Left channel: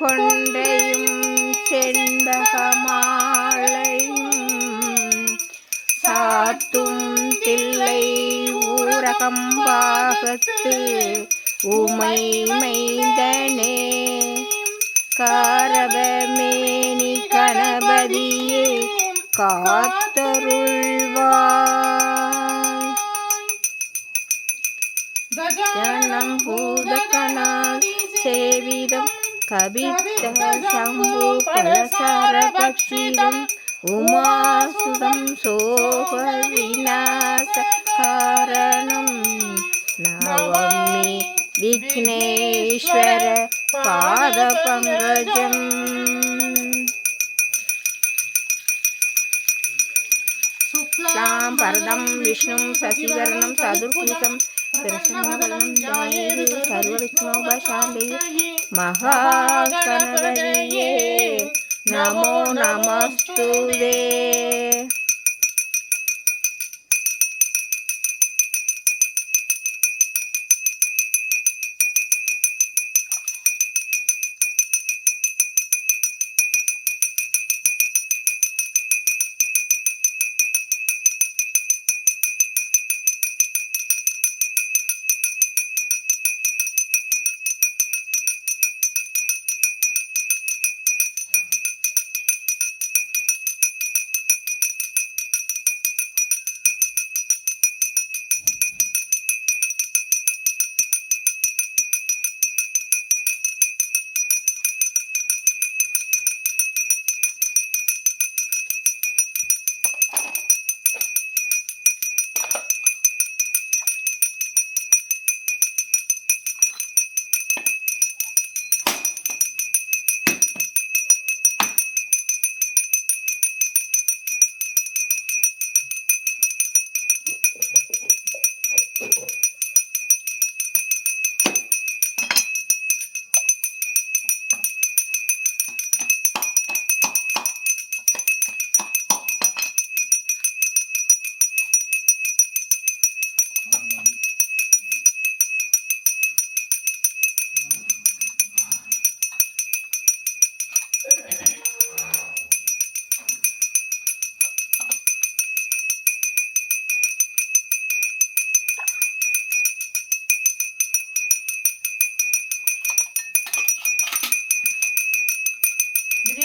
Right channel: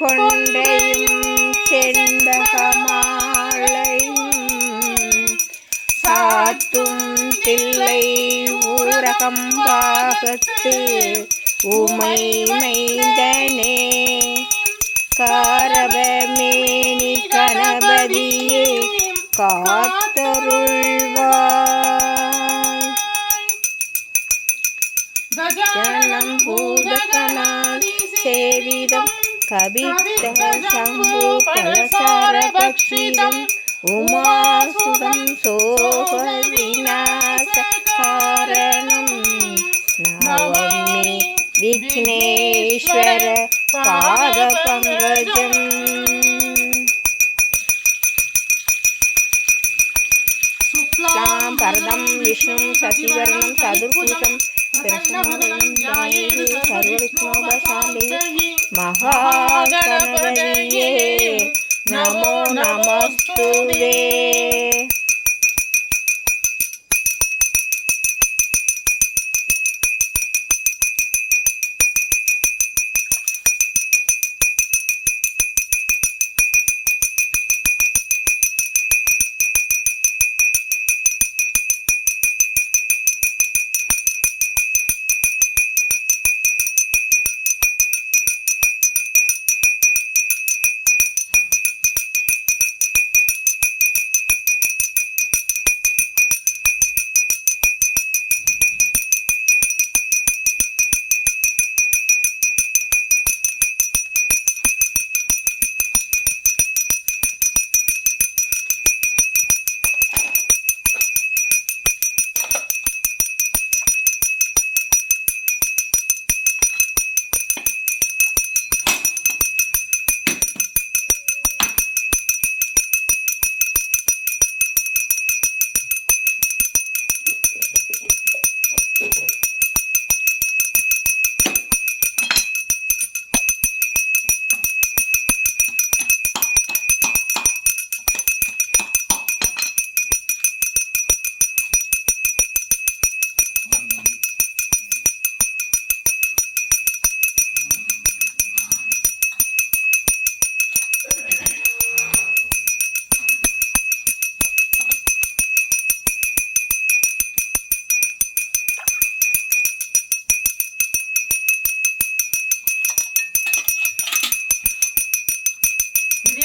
கொண்டையும் செண்பகமாலையும் சாத்தும் தில்லை ஊரகம்பாகத்து உமை மைந்தனே காரபமேனி கணபதியே காத்தருள்வாய் ஜனம் பூதகணாதி சேவிதம் கபித்த சம்பு கலசாரபட்சிதம் உமாசுதம் சோக விநாச காரணம் நவமி விக்னேஸ்வர பாத பங்கஜம் शुक्लां परदं विष्णुं शशिवर्णं चतुर्भुजं प्रसन्नवदनं ध्यायेत् सर्वविघ्नोपशान्तये महागणपतये नमो नमस्तुते।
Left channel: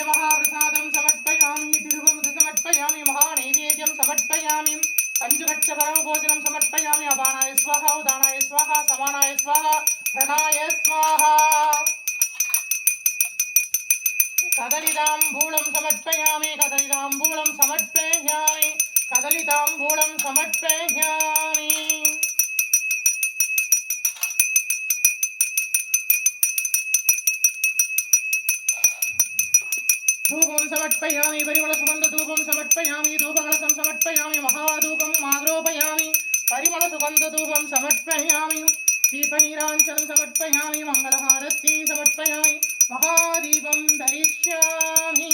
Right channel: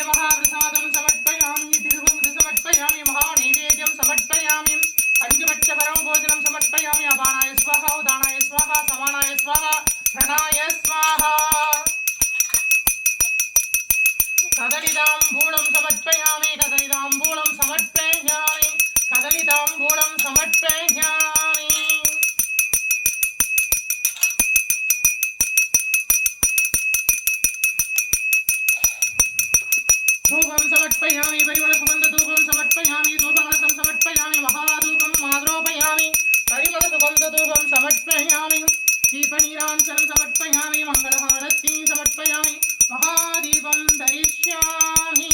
महाप्रसादं समर्पयामि तिरुवमुद्र समर्पयामि महानैवेद्यं समर्पयामि पंचभक्षपरमभोजनं समर्पयामि अपानाय स्वाहा उदानाय स्वाहा समानाय स्वाहा प्रणाय स्वाहा कदलिताम्बूलं समर्पयामि कदलिताम्बूलं समर्पयामि कदलिताम्बूलं समर्पयामि धूपं समर्पयामि परिमलसुगन्धधूपं समर्पयामि धूपकलशं समर्पयामि महाधूपं आग्रोपयामि परिमलसुगन्धधूपं समर्पयामि दीपनीराञ्जनं समर्पयामि मङ्गलहारतीं समर्पयामि महादीपं दरिष्यामि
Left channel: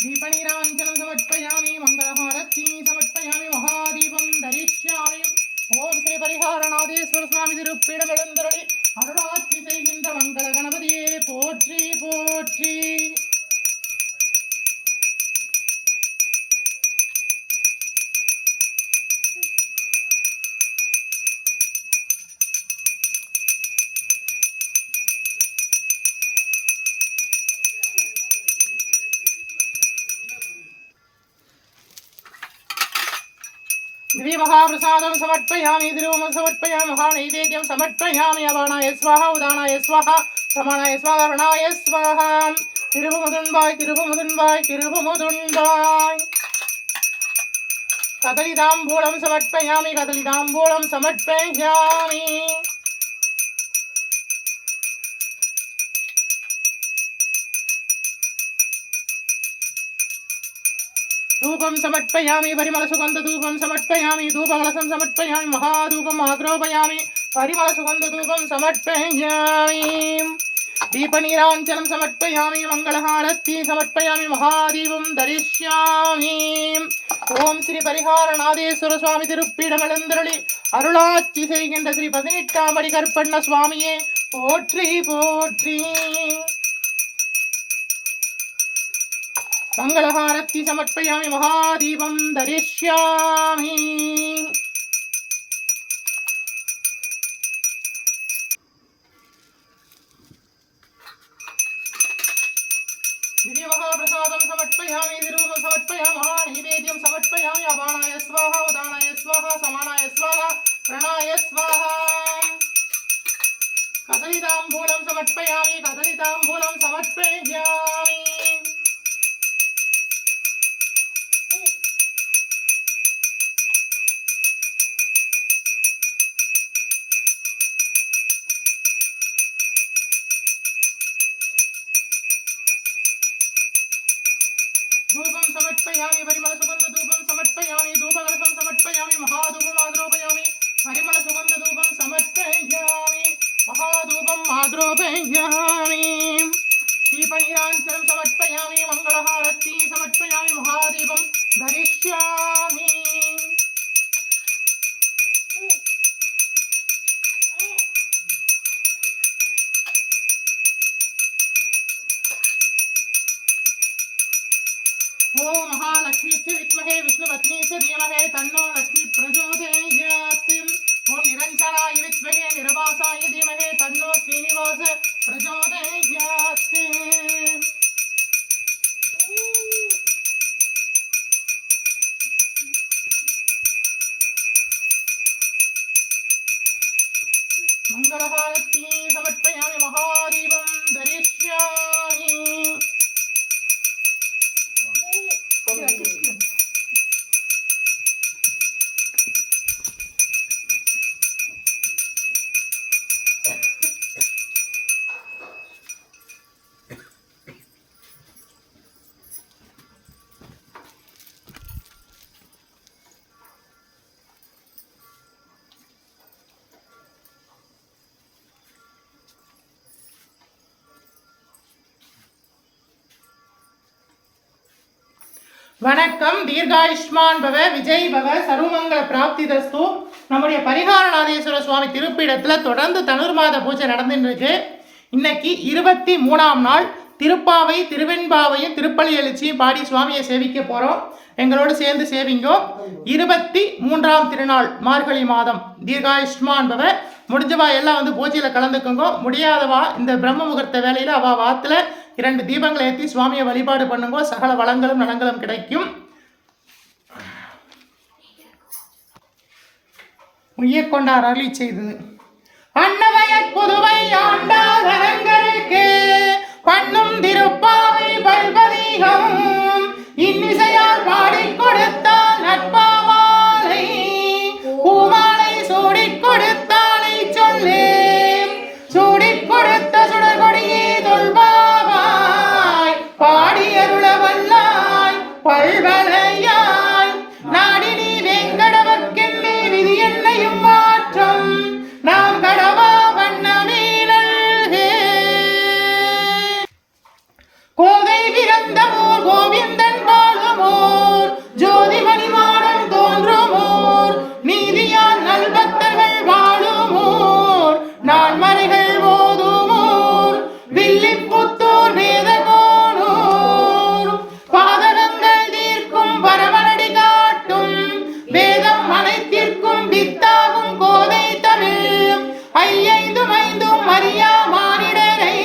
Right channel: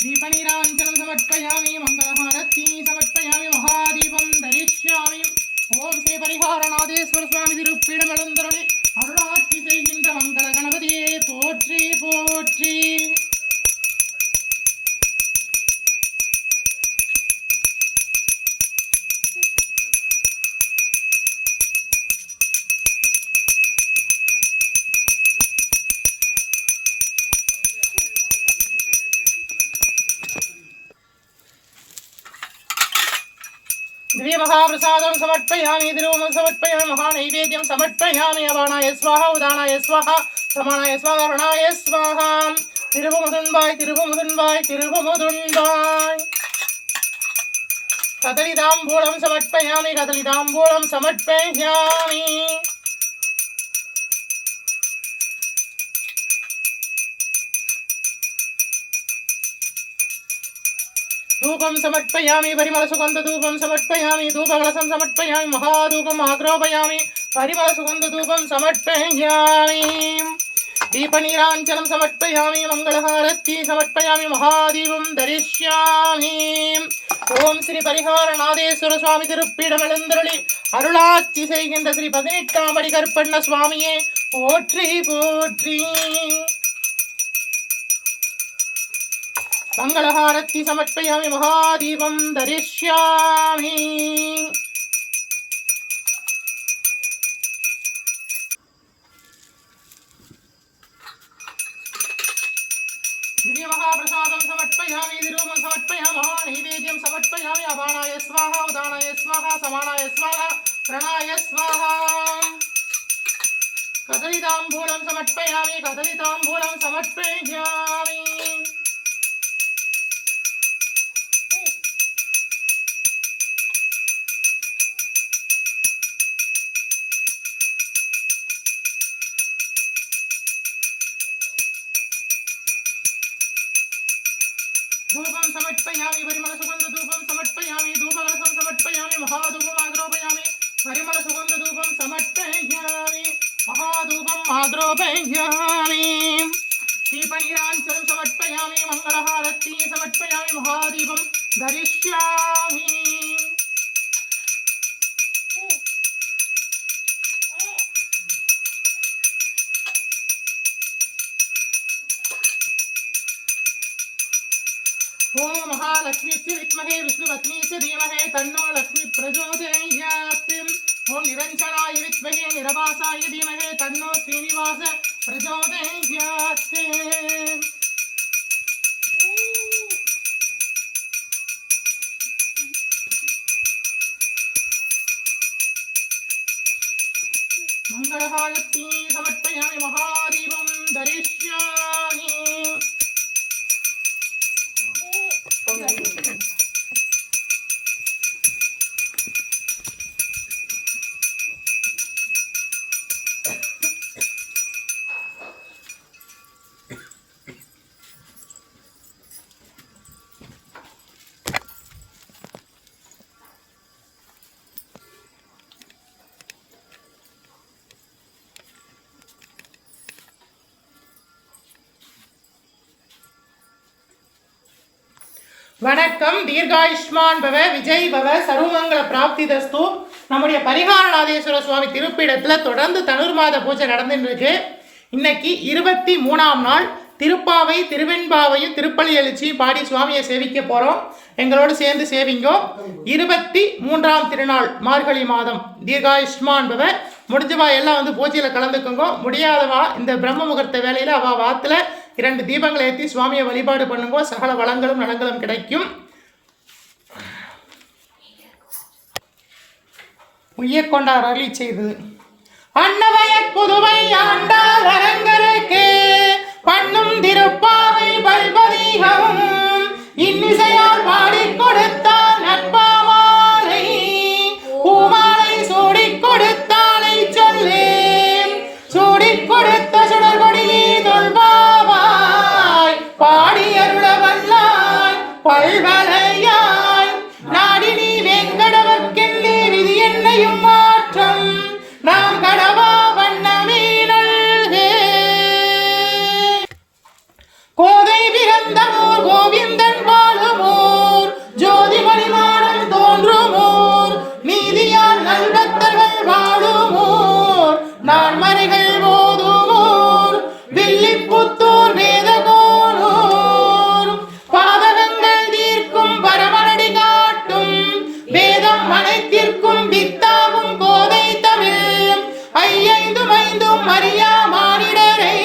दीपनीराञ्जनं समर्पयामि मङ्गलहारतीं समर्पयामि महादीपं दरिष्यामि ओम श्री परिहारनाथेश्वर स्वामी तिरुपीडमलंदरले अरुणात्मि செய்கின்ற மங்கள கணபதியே போற்றி போற்றி दिव्य महाप्रसादं समर्पयामि तिरुवमुद्रं समर्पयामि महानैवेद्यं समर्पयामि अपानाय स्वाहा उदानाय स्वाहा समानाय स्वाहा प्रणाय स्वाहा तिरुवमुदुन्बाय तिरुवमुदुन्बाय तिरुवमुदुन्बाय कदलिताम्बूलं समर्पयामि कदलिताम्बूलं समर्पयामि धूपं समर्पयामि परिमलसुगन्धधूपं समर्पयामि धूपकलशं समर्पयामि महाधूपम् आग्रोपयामि परिमलसुगन्धधूपं समर्पयामि दीपनीराञ्जनं समर्पयामि मङ्गलहारति समर्पयामि महादीपं दरिष्यामि ओम श्री परिहारनाथेश्वर स्वामी திருப்பீடமெழுந்தருளி அருளாட்சி செய்கின்ற ஸ்ரீ 18ஆம் படி கருப்பண்ண சுவாமியே போற்றி போற்றி मंगलहारति समर्पयामि महादीपं दरिष्यामि दिव्य महाप्रसादं समर्पयामि विरूपं समर्पयामि महानैवेद्यं समर्पयामि अपानाय स्वाहा उदानाय स्वाहा समानाय स्वाहा प्रणाय स्वाहा कदलीताम्बूलं समर्पयामि कदलीताम्बूलं समर्पयामि धूपं समर्पयामि परिमलसुगन्धधूपं समर्पयामि धूपकलशं समर्पयामि महाधूपम् आग्रोपयामि परिमलसुगन्धधूपं समर्पयामि महाधूपम् आग्रोपयामि दीपनीराञ्जनं समर्पयामि मङ्गलहारति समर्पयामि महादीपं दरिष्यामि ओम महालक्ष्मी विद्महे विष्णुपत्नी च धीमहि तन्नो लक्ष्मी प्रचोदयात् ओम निरंजनाय विद्महे निरभासाय धीमहि तन्नो श्रीनिवास प्रचोदयात् मंगलहारति समर्पयामि महादीपं दरिष्यामि வணக்கம் தீர்காயுஷ்மான் பவ விஜய் பவ சர்வமங்கல பிராப்திதஸ்து நம்முடைய பரிகாரநாதேஸ்வர சுவாமி திருப்பீடத்தில் தொடர்ந்து தனுர்மாத பூஜை நடந்துட்டு இருக்கு. இன்னைக்கு 23ஆம் நாள் திருப்பாவை திருவெண்பாவையும் திருப்பலி எழுச்சியும் பாடி சுவாமியை சேவிக்க போகிறோம். எங்களோடு சேர்ந்து சேவிங்கோ. 23ஆம் திருநாள் மார்கழி மாதம் தீர்காயுஷ்மான் பவ. முடிஞ்சவா எல்லாம் வந்து பூஜையில் கலந்துக்கோங்க. முடியாதவா இந்த பிரம்ம முகூர்த்த வேலையில் அவள் வாத்தில் 2 தீபங்களை ஏற்றி சுவாமியை வழிபாடு பண்ணுங்க. சகல வளங்களும் நலங்களும் கிடைக்கும். உய்யக்கொண்டார் அருளி செய்தது அன்னவய புதுவை ஆண்டார் அரங்கருக்கு பண்ணும் திருப்பாவை பல்பதீகம் இன்னிசையால் பாடி கொடுத்தால் நட்பாமாலை பூமாலை சூடிக் கொடுத்தானை சொல்லேன் சூடிக் கொடுத்த சுடர்கொடியே தொல்பாவாய் பாடி அருள வல்லாய் பல்வலையாய் நாடி நீ வெங்கடவர்க்கென்னே விதி என்னையும் மாற்றம் நாம் கடவா வண்ணமீனல்கே கோதை பிறந்தமோர் கோவிந்தன் வாழுமோர் ஜோதிமணிமாடம் தோன்றுமோர் நீதியான் நல்பக்தர்கள் வாழுமோர் நான்மறைகள் ஓதுமோர் வில்லிப்புத்தூர் வேதகோனூர் பாதகங்கள் தீர்க்கும் பரமனடி காட்டும் வேதம் அனைத்திற்கும் வித்தாகும் கோதை தமிழ் ஐயைந்தும் ஐந்தும் அறியா மானிடரை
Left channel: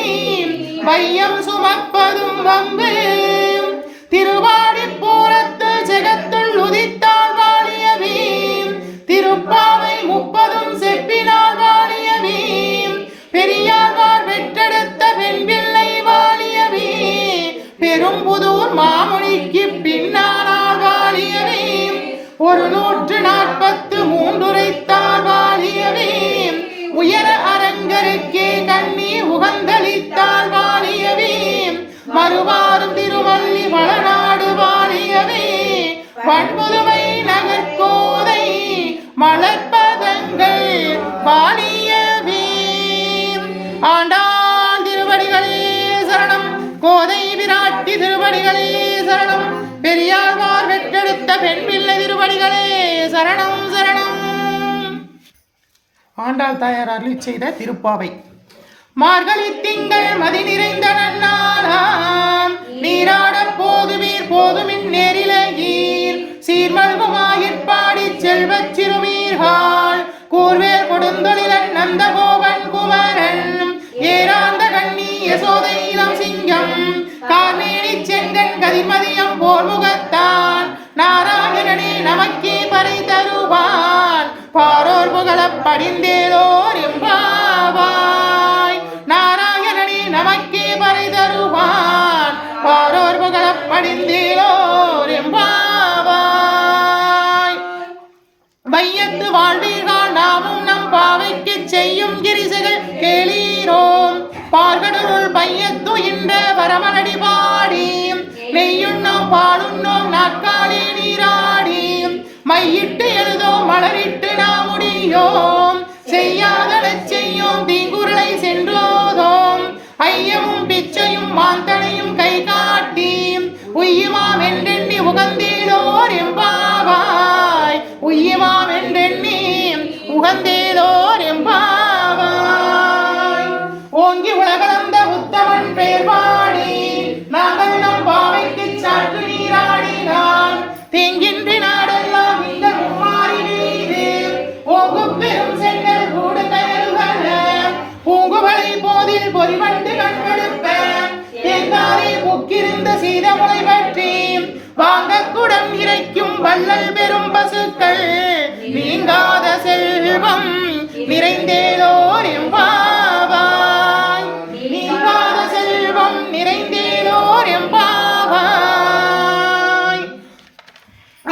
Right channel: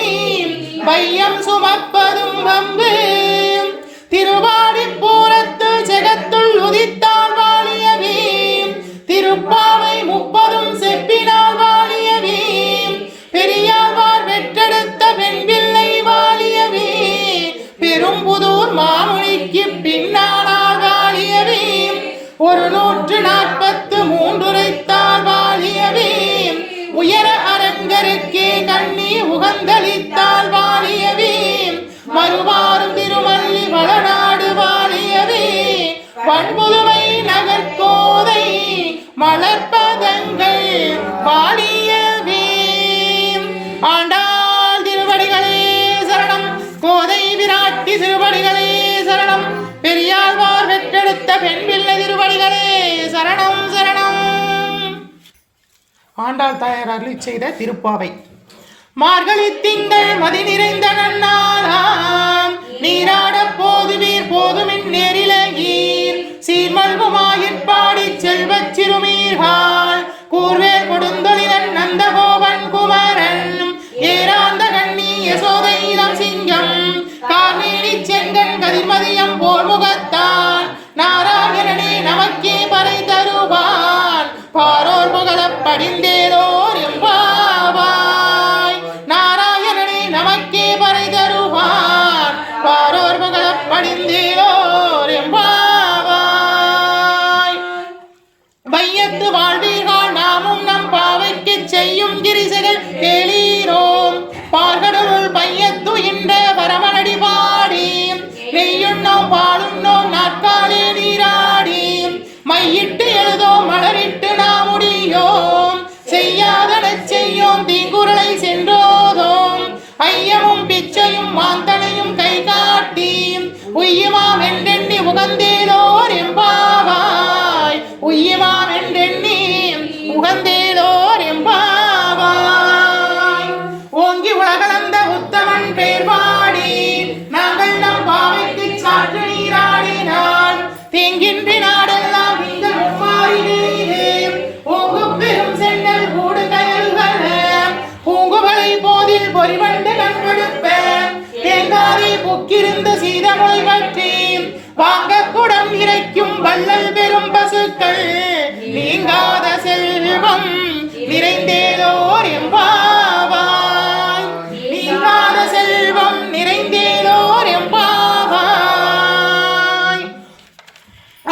வையம் சுமப்பதும் வம்பு திருவாடி பூரத்து ஜெகத்துள் உதித்தால் வாழியவே திருப்பாவை 30 செப்பினால் வாழியவே பெரியாழ்வார் வெற்றெடுத்த பெண்பிள்ளை வாழியவே பெரும்புதூர் மாமுனிக்கு பின்னானால் வாழியவே 143 உரைத்தால் வாழியவே உயர அரங்கருக்கே கண்ணி உகந்தளித்தால் வாழியவே மறுவாரும் திருமல்லி வளநாடு வாழியவே திருவடிகளே சரணம். பெரியாழ்வார் பெற்றெடுத்த பெண் பிள்ளை திருவடிகளே சரணம் சரணம். ஆண்டாள் தாயார் அருளி செய்த திருப்பாவை. மார்கழி திங்கள் மதி நிறைந்த நன்னாளாம் நீராட போதுவீர் போதுமின் நேரிலகீர் சீர்மல்குமாயிற்பாடி செல்வச் சிறுமீர்கள் கூர்வேல் கொடுந்தொழிலன் நந்தகோபன் குமரன் ஏராந்த கண்ணி யசோதை இளம் சிங்கம் கார்மேனி செங்கன் கதிமதியம் போர் முகத்தான் நாராயணனே நமக்கே பறை தருவான் பாரோர் புகழப் படிந்தேரோர் எம்பாவாய். நாராயணனே நமக்கே பறை தருவான் பாரோர் புகழப் படிந்தேரோர் எம்பாவாய். வையத்து வாழ்வீர்கள் நாமும் நம் பாவைக்கு செய்யும் கிரிசைகள் கேளீரோம் பார்கடலுள் பையத்து இன்ற வரமனடி பாடி நெய்யுண்ணோம் பாலுண்ணோம் நாட்காலே நீராடி மையிட்டு எழுதோம் மலரிட்டு நாம் முடியோம் செய்யாதன செய்யோம் தீங்குறளை சென்றோதோம் ஐயமும் பிச்சையும் மாந்தனையும் கை காட்டி உய்யுமாம் என்றெண்ணி உகந்தேலோர் எம்பாவாய். உய்யுமாம் என்றெண்ணி உகந்தேலோர் எம்பாவாய். ஓங்கி உலகளந்த உத்தமன் பேர் பாடி நாங்கள் நம் பாவைக்கு சாற்று நீராடினால் தேங்கின்றி நாடெல்லாம் நீங்கள் மும்மாறினே ஓங்கு பெரும் சென்னல் கூடு கயல்கள பூங்குவலை போதில் பொறிவண்டு கண்கெடுப்ப தேங்காதை பொக்கிருந்த சீதமுளை பற்றி வாங்க குடம் இறைக்கும் வள்ளல் பெரும் பசுக்கள் நீங்காத செல்வம் நிறைந்தேலோர் எம்பாவாய். நீங்காத செல்வம் நிறைந்தேலோர் எம்பாவாய்.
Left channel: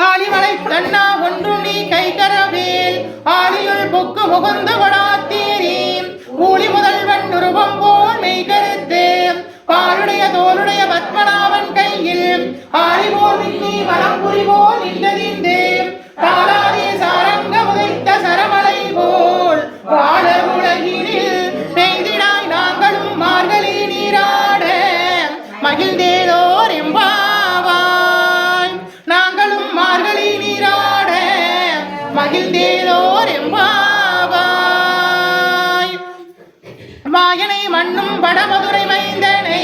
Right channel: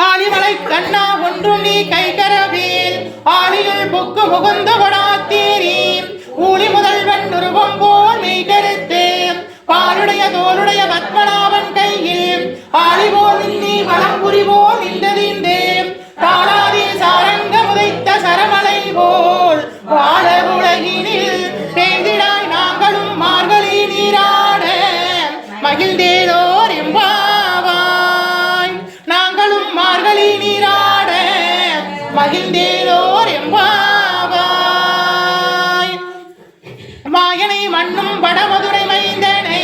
ஆலிமலை கண்ணா ஒன்றும் நீ கைகரவேல் ஆலியுள் பொக்கு முகுந்த கொடாத்தேரி ஊழி முதல்வன் உருவம் போல் மெய் கருத்து பாருடைய தோளுடைய பத்மநாபன் கையில் ஆலிபோல் நின்னி வளம்புரிபோல் நின்றதீந்தே தாளாதே சாரங்க முதைத்த சரமலை போல் வாழ உலகினில் பெய்திடாய் நாங்களும் மார்கழி நீராட மகிழ்ந்தேலோர் எம்பாவாய். நாங்களும் மார்கழி நீராட மகிழ்ந்தேலோர் எம்பாவாய். மாயனை மண்ணும் வடமதுரை மைந்தனை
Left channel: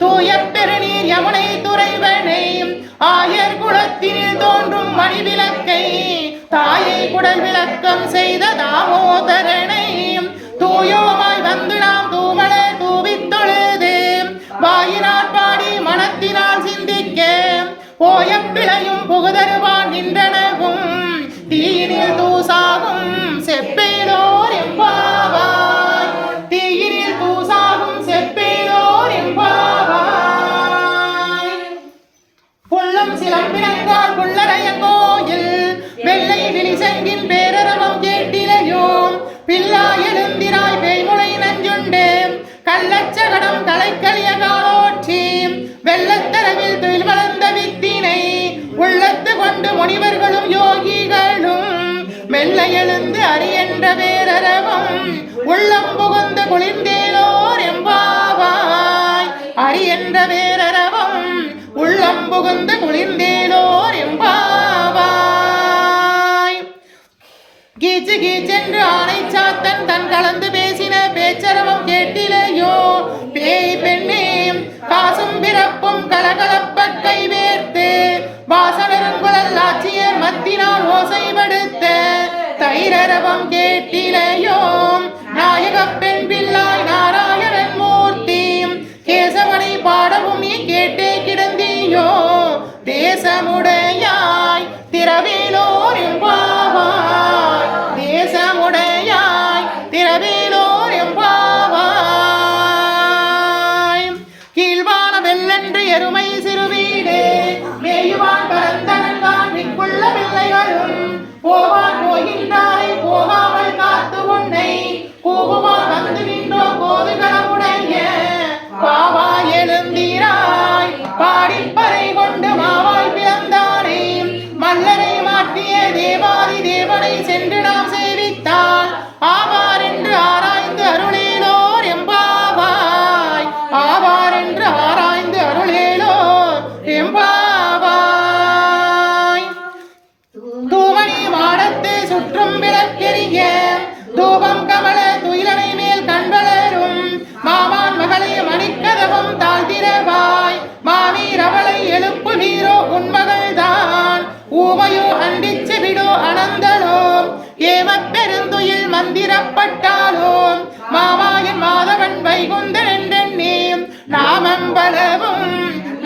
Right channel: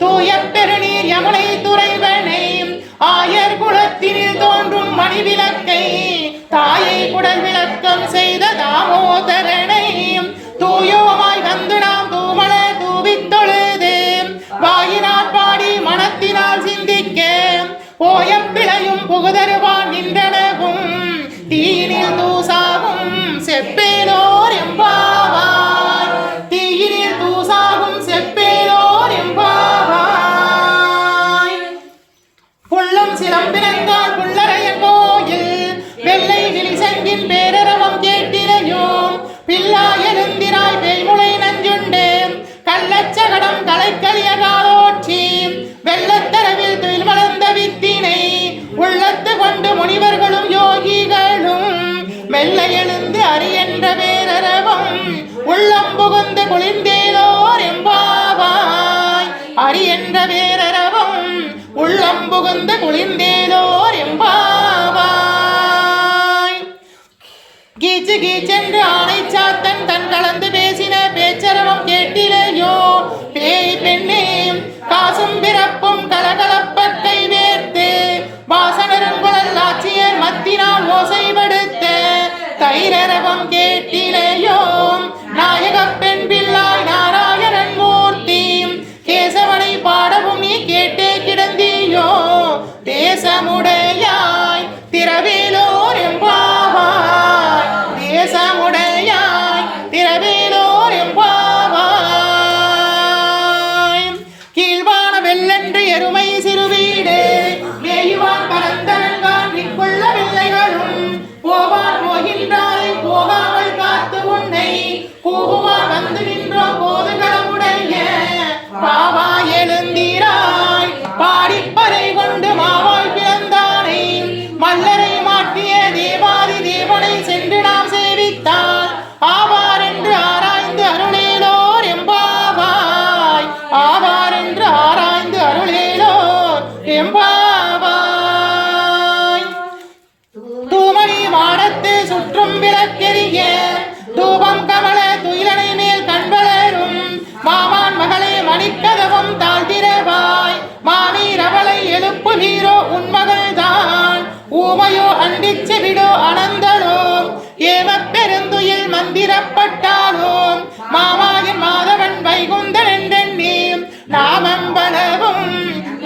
தூய பெருநீர் யமுனை துறைவனை ஆயர் குலத்தினில் தோன்றும் மணிவிளக்கை தாயை குடல் விளக்கம் செய்த தாமோதரனை தூயோமாய் வந்து நாம் தூமல தூவித் தொழுது வாயினால் பாடி மனத்தினால் சிந்திக்க போய பிழையும் புகுதருவான் நின்றனகும் தீயினில் தூசாகும் செப்பேலோர் எம்பாவாய். தீயினில் தூசாகும் செப்பேலோர் எம்பாவாய். புள்ளும் சிலம்பினங்கால் புள்ளரைய கோயில் வெள்ளை விழிசங்கின் பேரரவம் கேட்டிலையோம் பில்லா எழுந்திராய் பேய்முளை நஞ்சுண்டு கள்ளச்சகடம் களைக்களிய காலோற்றி வெள்ளத்தரவில் துயில் வளர்ந்த வித்தினை உள்ளத்து கொண்டு முனிவர்களும் யோகிகளும் மெல்ல எழுந்து அரியன்ற பேரரவம் உள்ளம் புகுந்து குளிர்ந்தேலோர் எம்பாவாய். அரியன்ற பேரரவம் உள்ளம் புகுந்து குளிர்ந்தேலோர் எம்பாவாய். கீச்சு கீச்சென்று ஆணை சாத்தன் தன் கலந்து பேசின பேச்சரவம் கேட்டிலையோ பேய் பெண்ணே காசும் பிறப்பும் கலகலப்ப கை வேர்த்து வாசனருங்குழல் ஆட்சியர் மத்தினால் ஓசைப்படுத்த தைரரவம் கேட்டிலையோம் நாயக பெண் பிள்ளாய் நாராயணன் மூர்த்தி கேசவனை பாடவும் நீ கேட்டே கிடந்தியோ தேசமுடையாய் திரவேலோர் எம்பாவாய். தேசமுடையாய் திரவேலோர் எம்பாவாய். கீழ்வான வெள்ளன்று எருமை சிறுவீடு மேயுவான் பரந்தனங்கான் நிற்குள்ள பிள்ளைகளும் போவான் போகின்றாரை போகாமல் காத்து உன்னை கூகுவான் வந்து நின்றோம் போதுகளமுடைய பாவா எழுந்தீராய் பாடிப்பறை கொண்டு மாவாய் பிறந்தானே மல்லரை தண்டிச்சு விடு அனந்தலோம் ஏமப் பெருந்துயில் மந்திரப்பட்டாலோம் மாமாயன் மாதவன் வைகுந்தன் என்றெண்ணி நாமம் பலவும்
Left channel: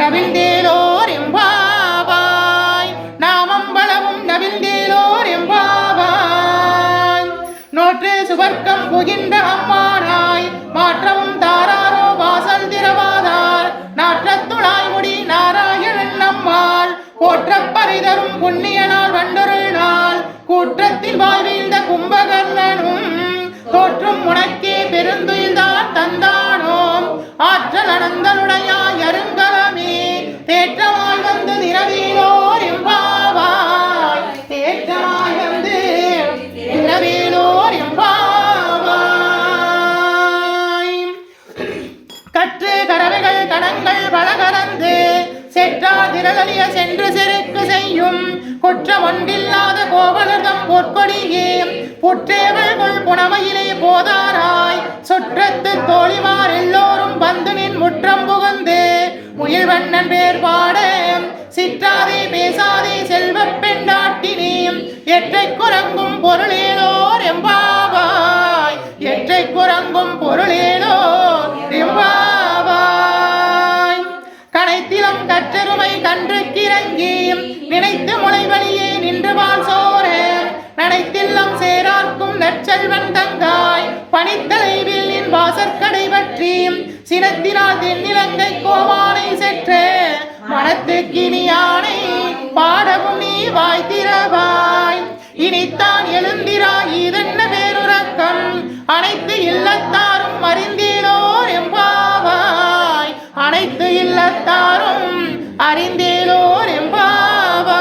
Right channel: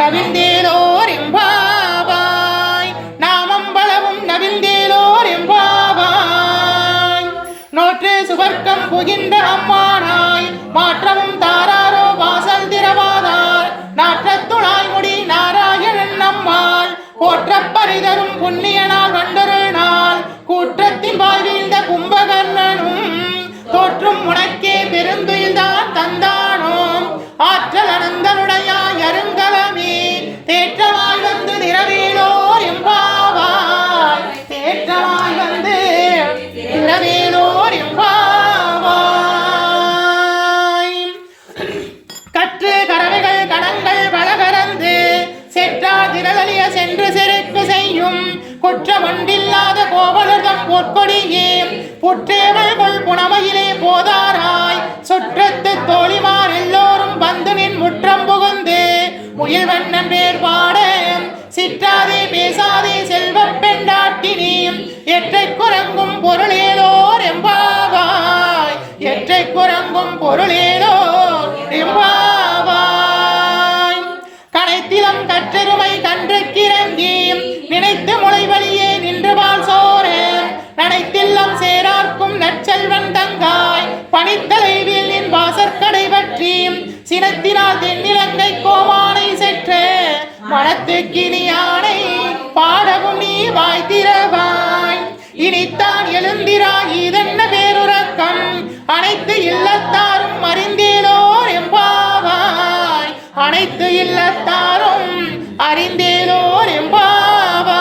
நவிழ்ந்தேலோர் எம்பாவாய் நாமம் பலவும் நவிழ்ந்தேலோர் எம்பாவாய் நோற்று சுவர்க்கம் புகின்ற அம்மானாய் மாற்றவும் தாராரோ வாசல் திரவாதார் நாற்றத்துளாய் முடி நாராயணன் நம்மால் போற்றப் பரிதரும் புண்ணிய நாள் வண்டொரு நாள் கூற்றத்தில் வாழ்வீழ்ந்த கும்பகர்ணனும் தோற்றும் உனக்கே பெருந்துயில்தான் தந்தானோம் ஆற்றல் அனந்தனுடையாய் அருங்கலமே தேற்றமாய் வந்து திரவேலோர் எம்பாவாய் தேற்றமாய் வந்து திரவேலோர் எம்பாவாய் கற்று கரவைகள் கடங்கள் பலகரந்து செற்றார் திரளிய சென்று செருக்கு செய்யும் குற்றம் ஒன்றில்லாத கோவலர்தம் பொற்கொடியே புற்றேவள்கொள் புனமையிலே போதாராய் சுற்றத்து தோழிமார் எல்லோரும் வந்து நின் முற்றம் புகுந்து முயல்வண்ணன் பேர் பாட சிற்றாதே பேசாதே செல்வப் பெண்டாட்டினே எற்றை குரங்கும் பொருளேலோர் எம்பாவாய் எற்றை குரங்கும் பொருளேலோர் எம்பாவாய் கனைத்திலம் கற்றெருமை கன்று கிறங்கி நினைத்து முளைவழியே நின்று வாழ் சோர நனைத்தில்லம் சேரார்க்கும் நற்செல்வன் தங்காய் பனித்தலைவில் நின் வாசற்கடை பற்றி சினத்தினால் தென்னிலங்கை கோமானை செற்ற மனத்துக்கினியானை பாடவும் நீ வாய் திறவாய் இனித்தான் எழுந்திராய் இதென்ன பேருறக்கம் அனைத்து இல்லத்தாரும் அறிந்தேலோர் எம்பாவாய் அனைத்து இல்லத்தாரும் அறிந்தேலோர்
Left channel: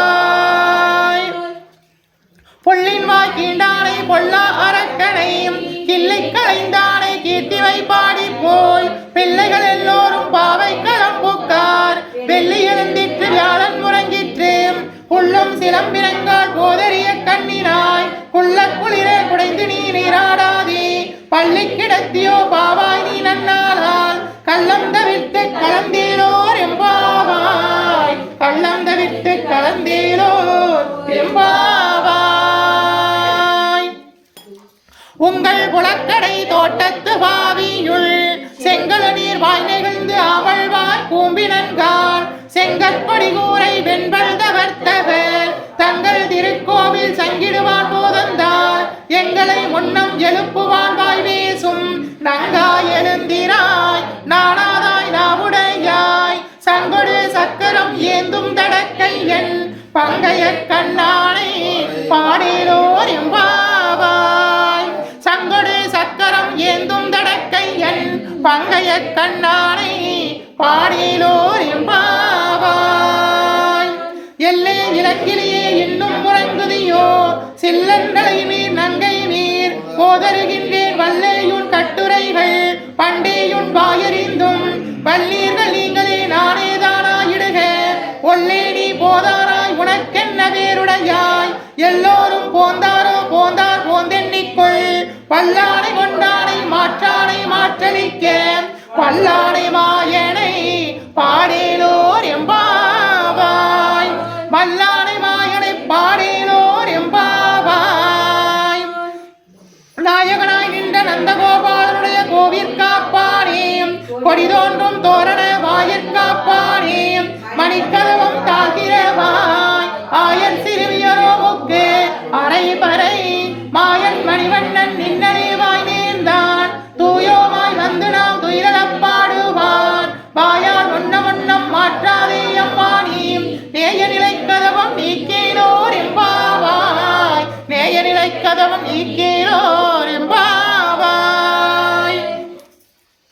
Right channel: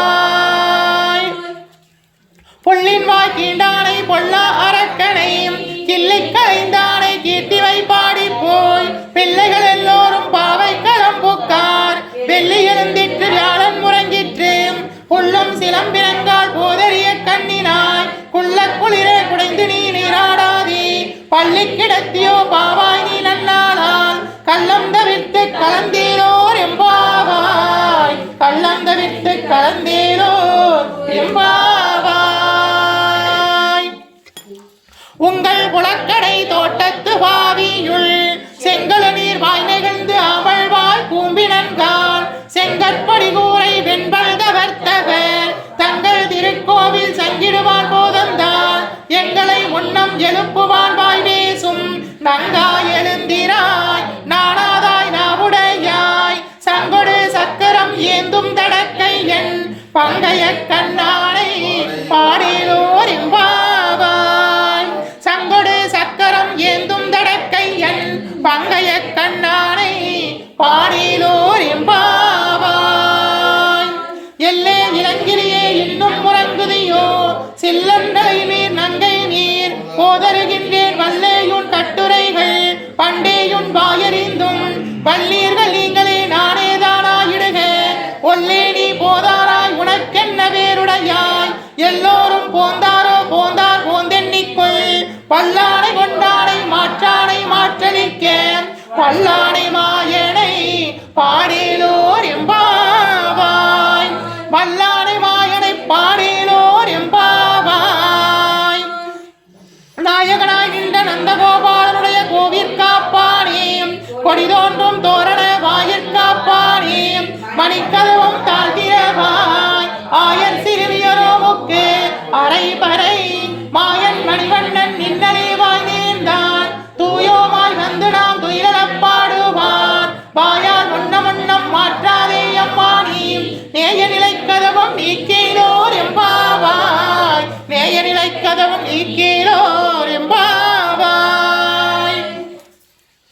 எம்பாவாய் புள்ளின் வாய் கீண்டானை பொல்லா அரக்கனை கிள்ளை கலைந்தானை கீர்த்திவை பாடி போய் பிள்ளைகள் எல்லோரும் பாவை களம்புக்கார் வெள்ளி எழுந்திற்று வியாழன் முறங்கிற்று புல்லும் சிலம்பினங்கால் போதறிய கண்ணினாய் குள்ள குளிரே குடைந்து நீ நீராடாதே பள்ளி கிடத்தியோ பாவாய் நீ நன்னாளால் கள்ளந்த விட்டு கலந்தேலோர் எம்பாவாய் கள்ளந்த விட்டு கலந்தேலோர் எம்பாவாய் உங்கள் புலக்கடை தோட்டத்து பாவியுள் செங்கல நீர் வாய் நெகிழ்ந்து அவள்வாய் கூம்பினன்கால் செங்கற்பொடி கூரை வெண்பல் தவர்த்தவர் தங்கள் திருக்கோவில் சங்கிடுவான் போதந்தால் எங்களை முன்னம் எழுப்புவான் வாய் பேசும் நங்காய் எழுந்திராய் நாணாதாய் நாவுடையாய் சங்கொடு சக்கரம் ஏந்தும் தடக்கை என் பங்கைய கண்ணானை பாடேலோர் எம்பாவாய் சங்கொடு சக்கரம் ஏந்தும் தடக்கை என் பங்கைய கண்ணானை பாடேலோர் எம்பாவாய் எல்லே இளங்கிலியே இன்னும் முறங்குதியோ சில்லந்தலை நீர் நங்கை நீர் போதருகின்றேன் வல்லேயுன் கட்டுரைகள் பண்டேயுன் வாயறிந்தும் வல்லீர்கள் நீங்களே நானேதானாயிடுக ஒல்லே நீ போதாராய் உனக்கென்ன வேருடையாய் எல்லோரும் போந்தாரோ போந்தார் போந்தெண்ணிக்குள் பல்லானை கொண்டானை மாற்றானை மாற்றளிக்க பல்லானை மாயனை பாடேலோர் எம்பாவாய் வல்லானை மாயனை பாடேலோர் எம்பாவாய் நாயகனாய் நின்ற நந்தகோபாலனுடைய கோவிற்காப்பானே கொடி தோன்றும் தோரண வாயிற்காப்பானே மணிக்கதவும் தாழ்த்திரவாய் ஆயன் சிறுமியரோவுக்கு அரை பறை மாயன் மணிவண்ணன் நின்னலே வாய் நேர்ந்தான் தூயோமாய் வந்து நாம் துயிலப்பாடுவான் வாயால் முன்னம் மாற்றாதே அம்மானி நேய நிலை கதவும் நீக்கேலோர் எம்பாவாய் நேய நிலை கதவும் நீக்கேலோர் எம்பாவாய்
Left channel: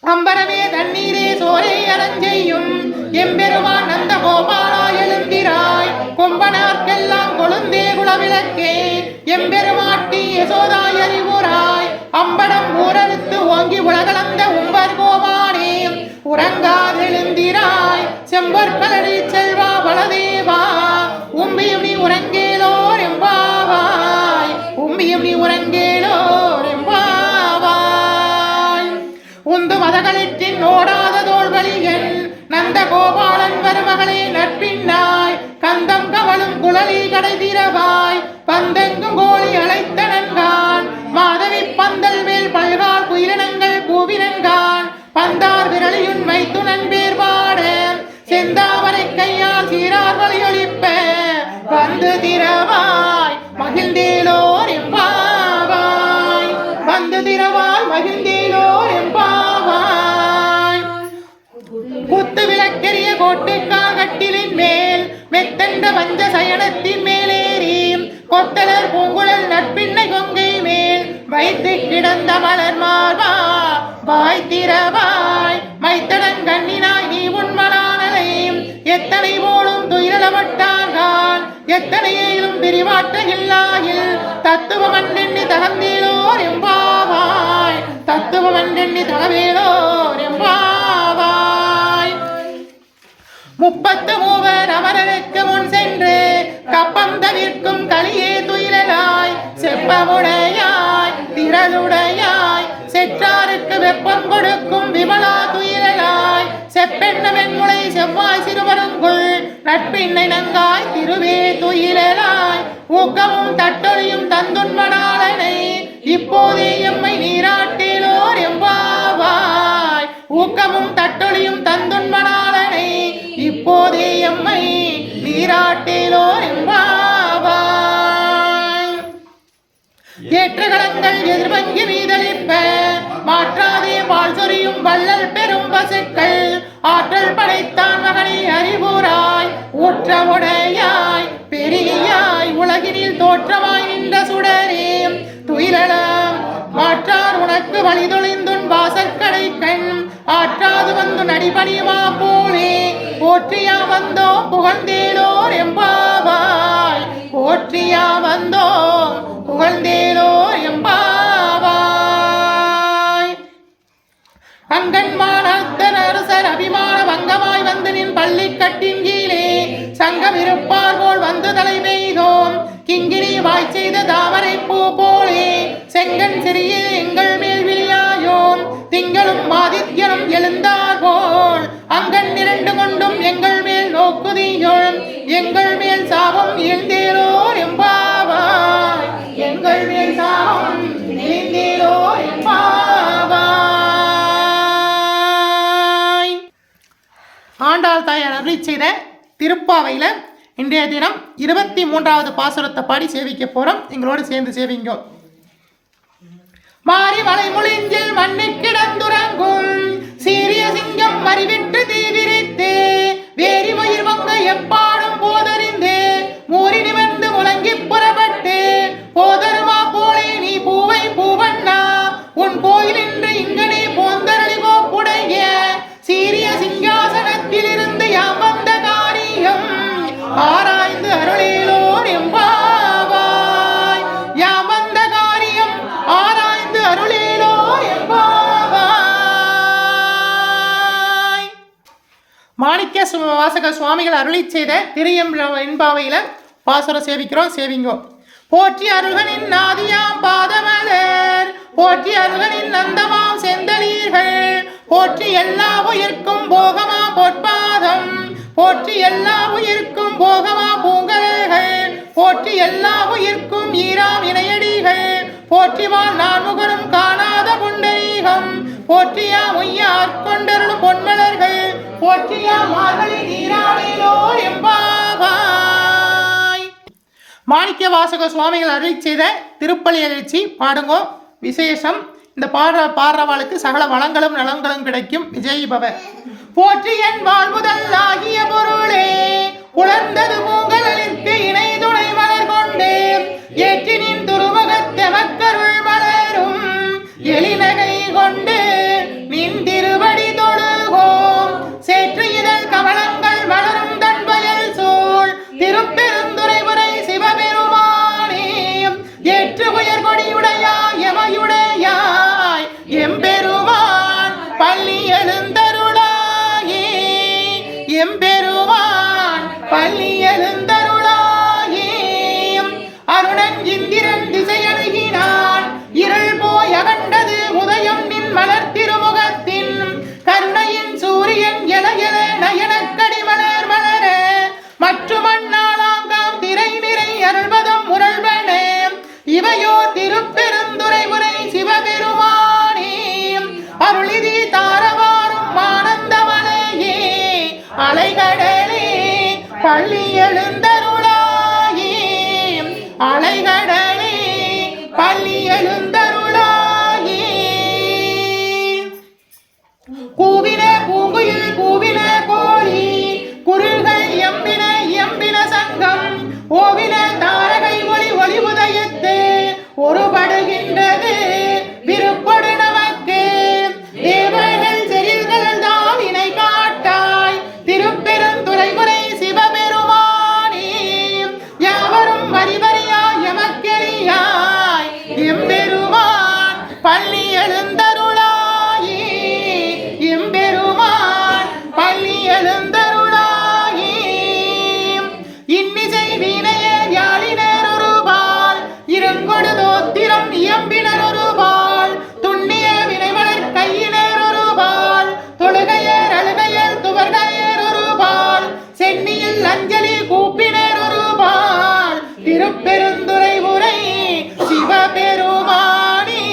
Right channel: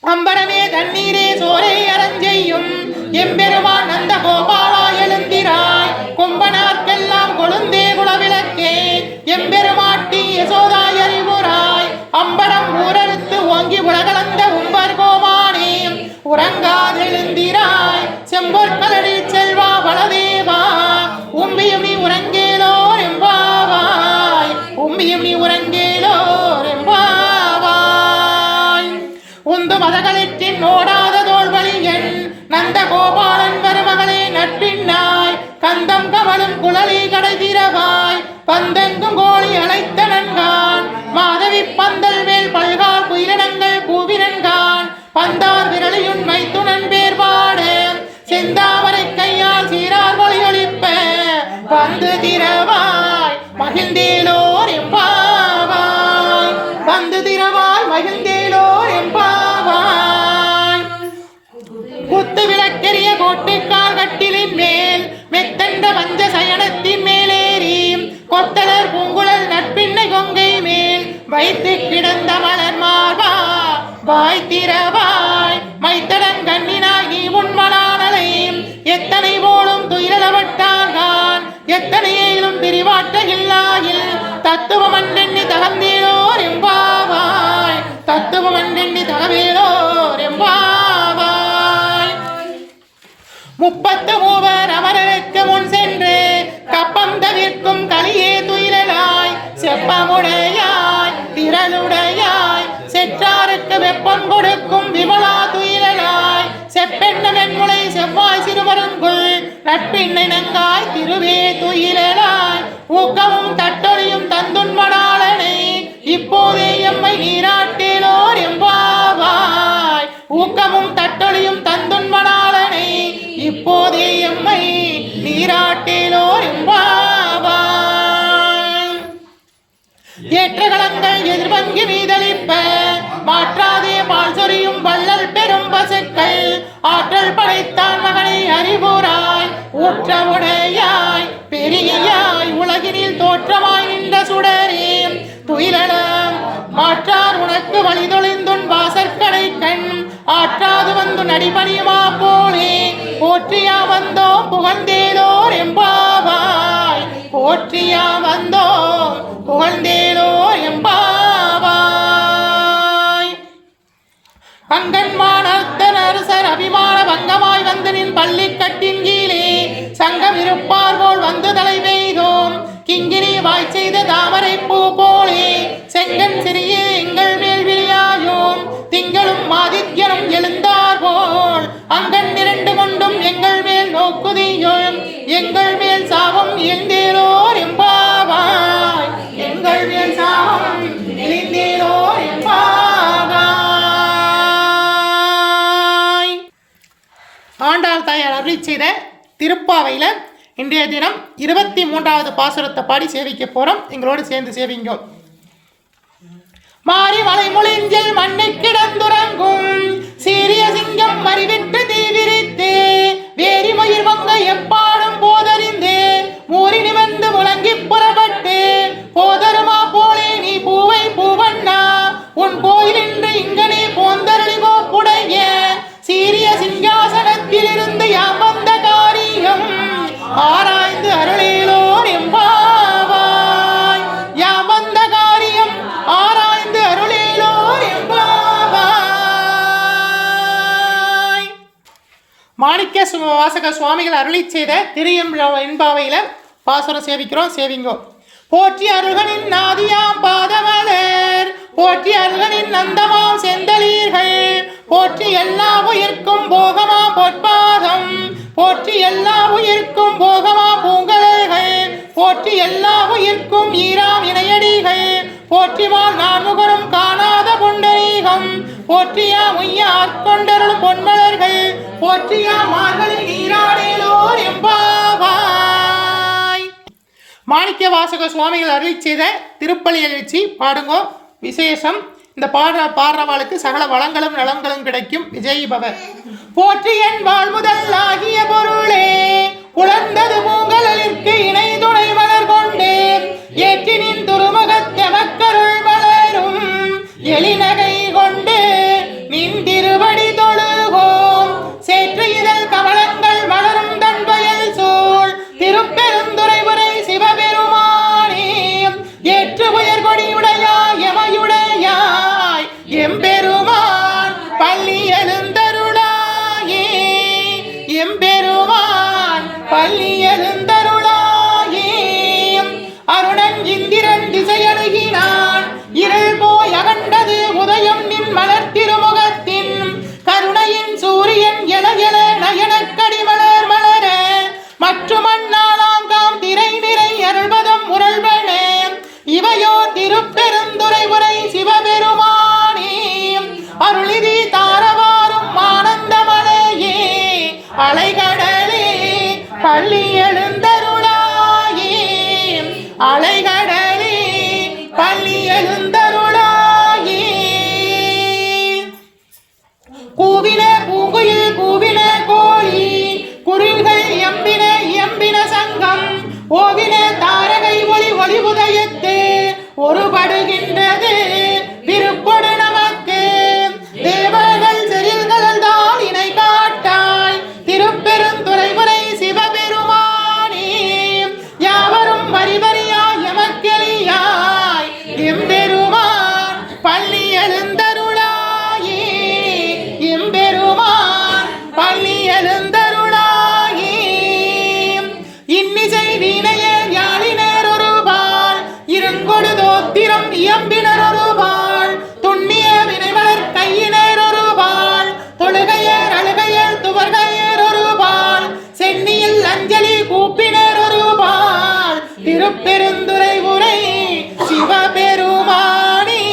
அம்பரமே தண்ணீரே சோரை அரஞ்செய்யும் எம்பெருமான் நந்த கோபாலா எழுந்திராய் கொம்பனார்க்கெல்லாம் கொழுந்தே குலவிளக்கே எம்பெருமாட்டி யசோதாய் அறிவுராய் அம்படம் ஊரறுத்து ஓங்கி உலகளந்த உம்பர் கோமானே உறங்காதெழுந்திராய் செம்பொற்களடி செல்வா பலதேவா உம்பியும் நீ உறங்கேலோர் எம்பாவாய் உம்பியும் நீ உறங்கேலோர் எம்பாவாய் உந்து மதகளிற்றின் ஓடாத தோல்வழியன் நந்த கோபாலன் வருமகளே நட்பின்னாய் கந்த கந்தம் கமலும் குழலி கடை திரவாய் பந்தெங்கும் கோழி அழைத்தனன்கான் மாதவி பந்தல் மேல் பல்கால் குயிலினங்கள் கூவினன்கான் பந்தார் விரலியுன் மைத்துனன் பேர் பாட செந்தாமரை கையால் சீரார் வழியொழிப்ப வந்து திரவாய் மகிழ்ந்தேலோர் எம்பாவாய் வந்து திரவாய் மகிழ்ந்தேலோர் எம்பாவாய் குத்து விளக்கெரிய கோட்டைக்கால் கட்டிலின் மேல் மெத்தண்ட வஞ்ச சயனத்தின் மேலேறி கொத்தலர் பூங்குழல் நட்பின்னை கொங்கை மேல் வைத்து கிடந்த மலர் மார்பா வாய் திரவாய் மைத்தடன் கண்ணினாய் நீ உண்மனானலை எத்தனை போலும் துயிலவட்டான் எத்தனையிலும் பிரிவாற்ற இல்லாயில் தத்துவமன்றெண்ணி தகந்தேலோர் எம்பாவாய் தத்துவமன்றெண்ணி தகவேலோர் எம்பாவாய் முப்பத்து மூவர் அமரருக்கு முன் சென்று கப்பம் தவிர்க்கும் களியே துயிலாய் செப்பமுடையாய் திரளுடையாய் செற்றாருக்கு வெப்பம் கொடுக்கும் விமலா துயிலாய் செப்பெண்ண வெண்முளை செவ்வாய் சிறுவருங்குள் நட்பின்னை நங்காய் திருவே துயிலாய் ஊக்கமும் தட்டொழியும் தந்துண்மணாளனை இப்போதே எம்மை நீராட்டேலோர் எம்பாவாய் ஊக்கமும் தட்டொழியும் தந்துண்மணாளனை இப்போதே எம்மை நீராட்டேலோர் எம்பாவாய் ஏற்றகலங்கள் எதிர்வங்கி மீதளிப்ப மாற்றாதே பால் சொரியும் வள்ளல் பெரும் பசுக்கள் ஆற்றல் படைத்தான் மகனை அறிவுராய் ஊற்றமுடையாய் பெரியாய் உலகினில் தோற்றமாய் நின்ற சுடரே துயிலலாம் மாற்றார் உனக்கு வழிதொழிந்துன் வாசற்கடை கண் ஆற்றாது வந்து நடிபணியுமா போலே போற்றியா வந்தோம் புகழ்ந்தேலோர் எம்பாவாய் போற்றியா வந்தோம் புகழ்ந்தேலோர் எம்பாவாய் அங்கன்மான் அரசர் அபிமான வங்கமாய் வந்து நின் பள்ளி கட்டின் கீழே சங்கம் இருப்பார் போல் வந்து தலை பெய்தோம் கிங்கிரி வாய் செய்த தாமரை பூ போலே செங்கன் சிறிய எங்கள் மேல் விழியாயோம் திங்களும் ஆதித்யனும் எழுந்தார் போல் அங்கன் இரண்டு கொண்டும் எங்கள் மேல் நோக்குதியோம் எங்கள் மேல் சாபம் எழுந்தேலோர் எம்பாவாய் எங்கள் மேல் சாபம் எழுந்தேலோர் எம்பாவாய். ஆண்டாள் தாயார் அருளி செய்த திருப்பாவையில் இன்றைய தினம் 23வது பாசுரத்தை பாடி சேவிக்க போறோம். எங்களோடு சேர்ந்து சேவிங்க. மாறி வளை முழிஞ்சில் மண்ணை கிடந்துறங்கும் சீரிய சிங்கம் மறிவிட்டு தீவிரித்து வேரி மயிர் வங்க எப்பாடும் போதறிந்து மூறி நிவந்து முழங்கி புறப்பட்டு போதருமா போலே நீ பூவை பூவண்ணா உன் கோயில் என்று இங்கனே போந்தரளிகோ புடைய சீரிய சிங்காசனத்தில் இருந்து யாம் வந்த காரியம் ஆராய்ந்து அருளேலோர் எம்பாவாய் யாம் வந்த காரியம் ஆராய்ந்து அருளேலோர் எம்பாவாய். மாணிக்க வாசக சுவாமிகள் அருளி செய்த திருஎம்பாவையில பாசுரம் சேவிக்கிறோம். சேவிங்கோ. போற்றி அருகனின் நாதியாம் பாதமலர் போற்றி அருகனின் நந்தமாம் செந்தளீர்கள் போற்றி எல்லா உயிர்க்கும் போகமா பொற்பாதம் போற்றி எல்லா உயிர்க்கும் போகமா பூங்கலர்கள் போற்றி எல்லா உயிர்க்கும் ஈராம் இணையடிகள் போற்றிவான் நான்முகரும் காணாத புண்டரீகம் போற்றியா முய்ய ஆட்கொண்டருள் பொன்மலர்கள் போற்றியா மார்கழி நீராடேலோர் எம்பாவாய். மாணிக்க வாசக சுவாமிகள் அருளி செய்த திருப்பலி எழுச்சி பாடுங்கோ. விசேஷம். இந்த பாடுறவாளுக்கு சகல வளங்களும் நலங்களும் கிடைக்கும். விஜய் பவ. போற்றி என் வாழ் முதல் ஆகிய பொருளே உணர்ந்தது பூங்கலிற்கு இணை துணை மலர் கொண்டே ஏற்றினின் துருமுகத்தெமக்கருள் மலரும் எளிநகை கொண்டு நின் திருவடி தொழுகோம் சேற்று இதழ் கமலங்கள் மலரும் தன் வயல் சூழ் திருப்பெருந்துறைபுரை சிவபெருமானே ஏற்று உயர் கொடியுடையாய் எமையுடையாய் எம்பெருமான் பள்ளி எழுந்தருளாயே எம்பெருமான் பள்ளி எழுந்தருளாயே. பள்ளி எழுந்தருளாயே அலைகடலே பள்ளி எழுந்தருளாயே கூவின பூங்குயில் கூவின கோழி குருள்கள் எம்பின எம்பின சங்கம் ஓவின தாரகை ஒளி ஒளி உதயத்து ஒருபடுகின்றது விருப்பொடு நமக்கு தேவர்கள் செறில்கள் தான் இணை காட்டாய் திருப்பெருந்துறைமுறை சிவபெருமானே யாவரும் வரிவரியாய் எமக்கெளியாய் எம்பெருமான் பள்ளி எழுந்தருளாயே எம்பெருமான் பள்ளி எழுந்தருளாயே இன்னிசை வீணையர் யாழினர் ஒருபால் இருங்கொடு தோத்திரம் இயம்பினர் ஒருபால் துண்ணிய வினைமலர் கையினர் ஒருபால் தொழுகையர் அழுகையர் துவர்கையர் ஒருபால் சென்னியில் அஞ்சலி கூப்பினர் ஒருபால் திருப்பெருந்துறை உரை சிவபெருமானே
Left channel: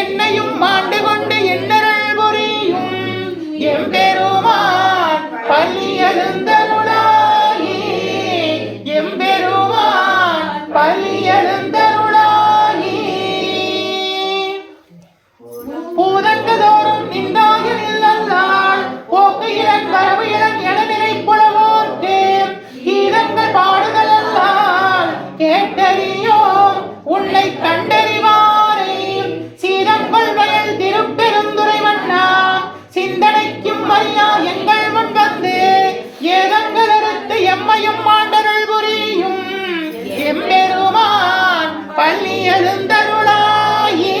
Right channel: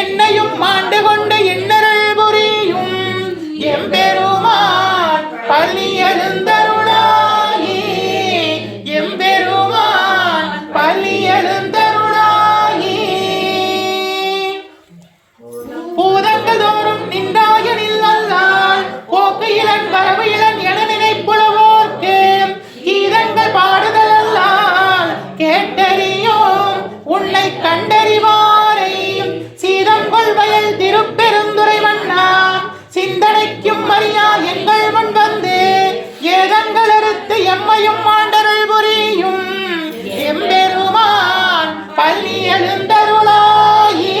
என்னையும் ஆண்டு கொண்டு என்னருள் புரியும் எம்பெருமான் பள்ளி எழுந்தருளாயே எம்பெருமான் பள்ளி எழுந்தருளாயே பூதங்கள் தோறும் நின்றாயனில் நல்லால் போக்கு இளன் வரவு இளன் என நினைப்புலவோர்க்கு கீதங்கள் பாடுதல் அல்லால் கேட்டறியோம் உன்னை கண்டறிவாரை சீதங்கொள் வயல் திருப்பெருந்துறை மன்னா சிந்தனைக்கும் அறியா எங்கள் முன் வந்து ஏதங்கள் அறுத்து எம்மையும் ஆண்டருள் புரியும் எம்பெருமான் பள்ளி எழுந்தருளாயே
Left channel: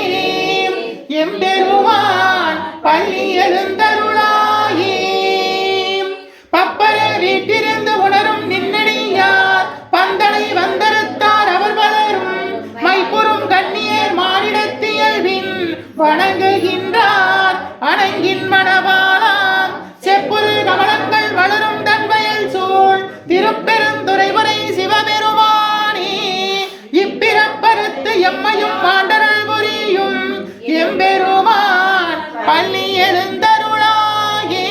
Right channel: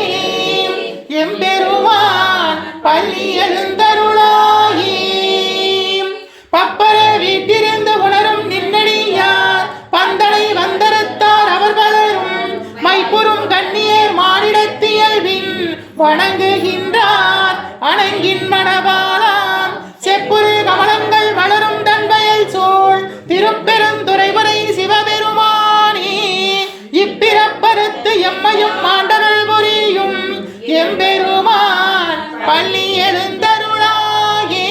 எம்பெருமான் பள்ளி எழுந்தருளாயே பப்பர வீட்டிருந்து உணரும் நின்னடியார் பந்தனை வந்தறுத்தார் அவர் பலரும் மைப்புறும் கண்ணியர் மானிடத்தியல்வின் வணங்குகின்றார் அணங்கின் மணவாளாம் செப்புரு கமலங்கள் வளரும் தன்வயல் சூழ் திருப்பெருந்துறைவரை சிவபெருமானே இப்பிறப்பறுத்து எம்மையும் ஆண்டருள் புரியும் எம்பெருமான் பள்ளி எழுந்தருளாயே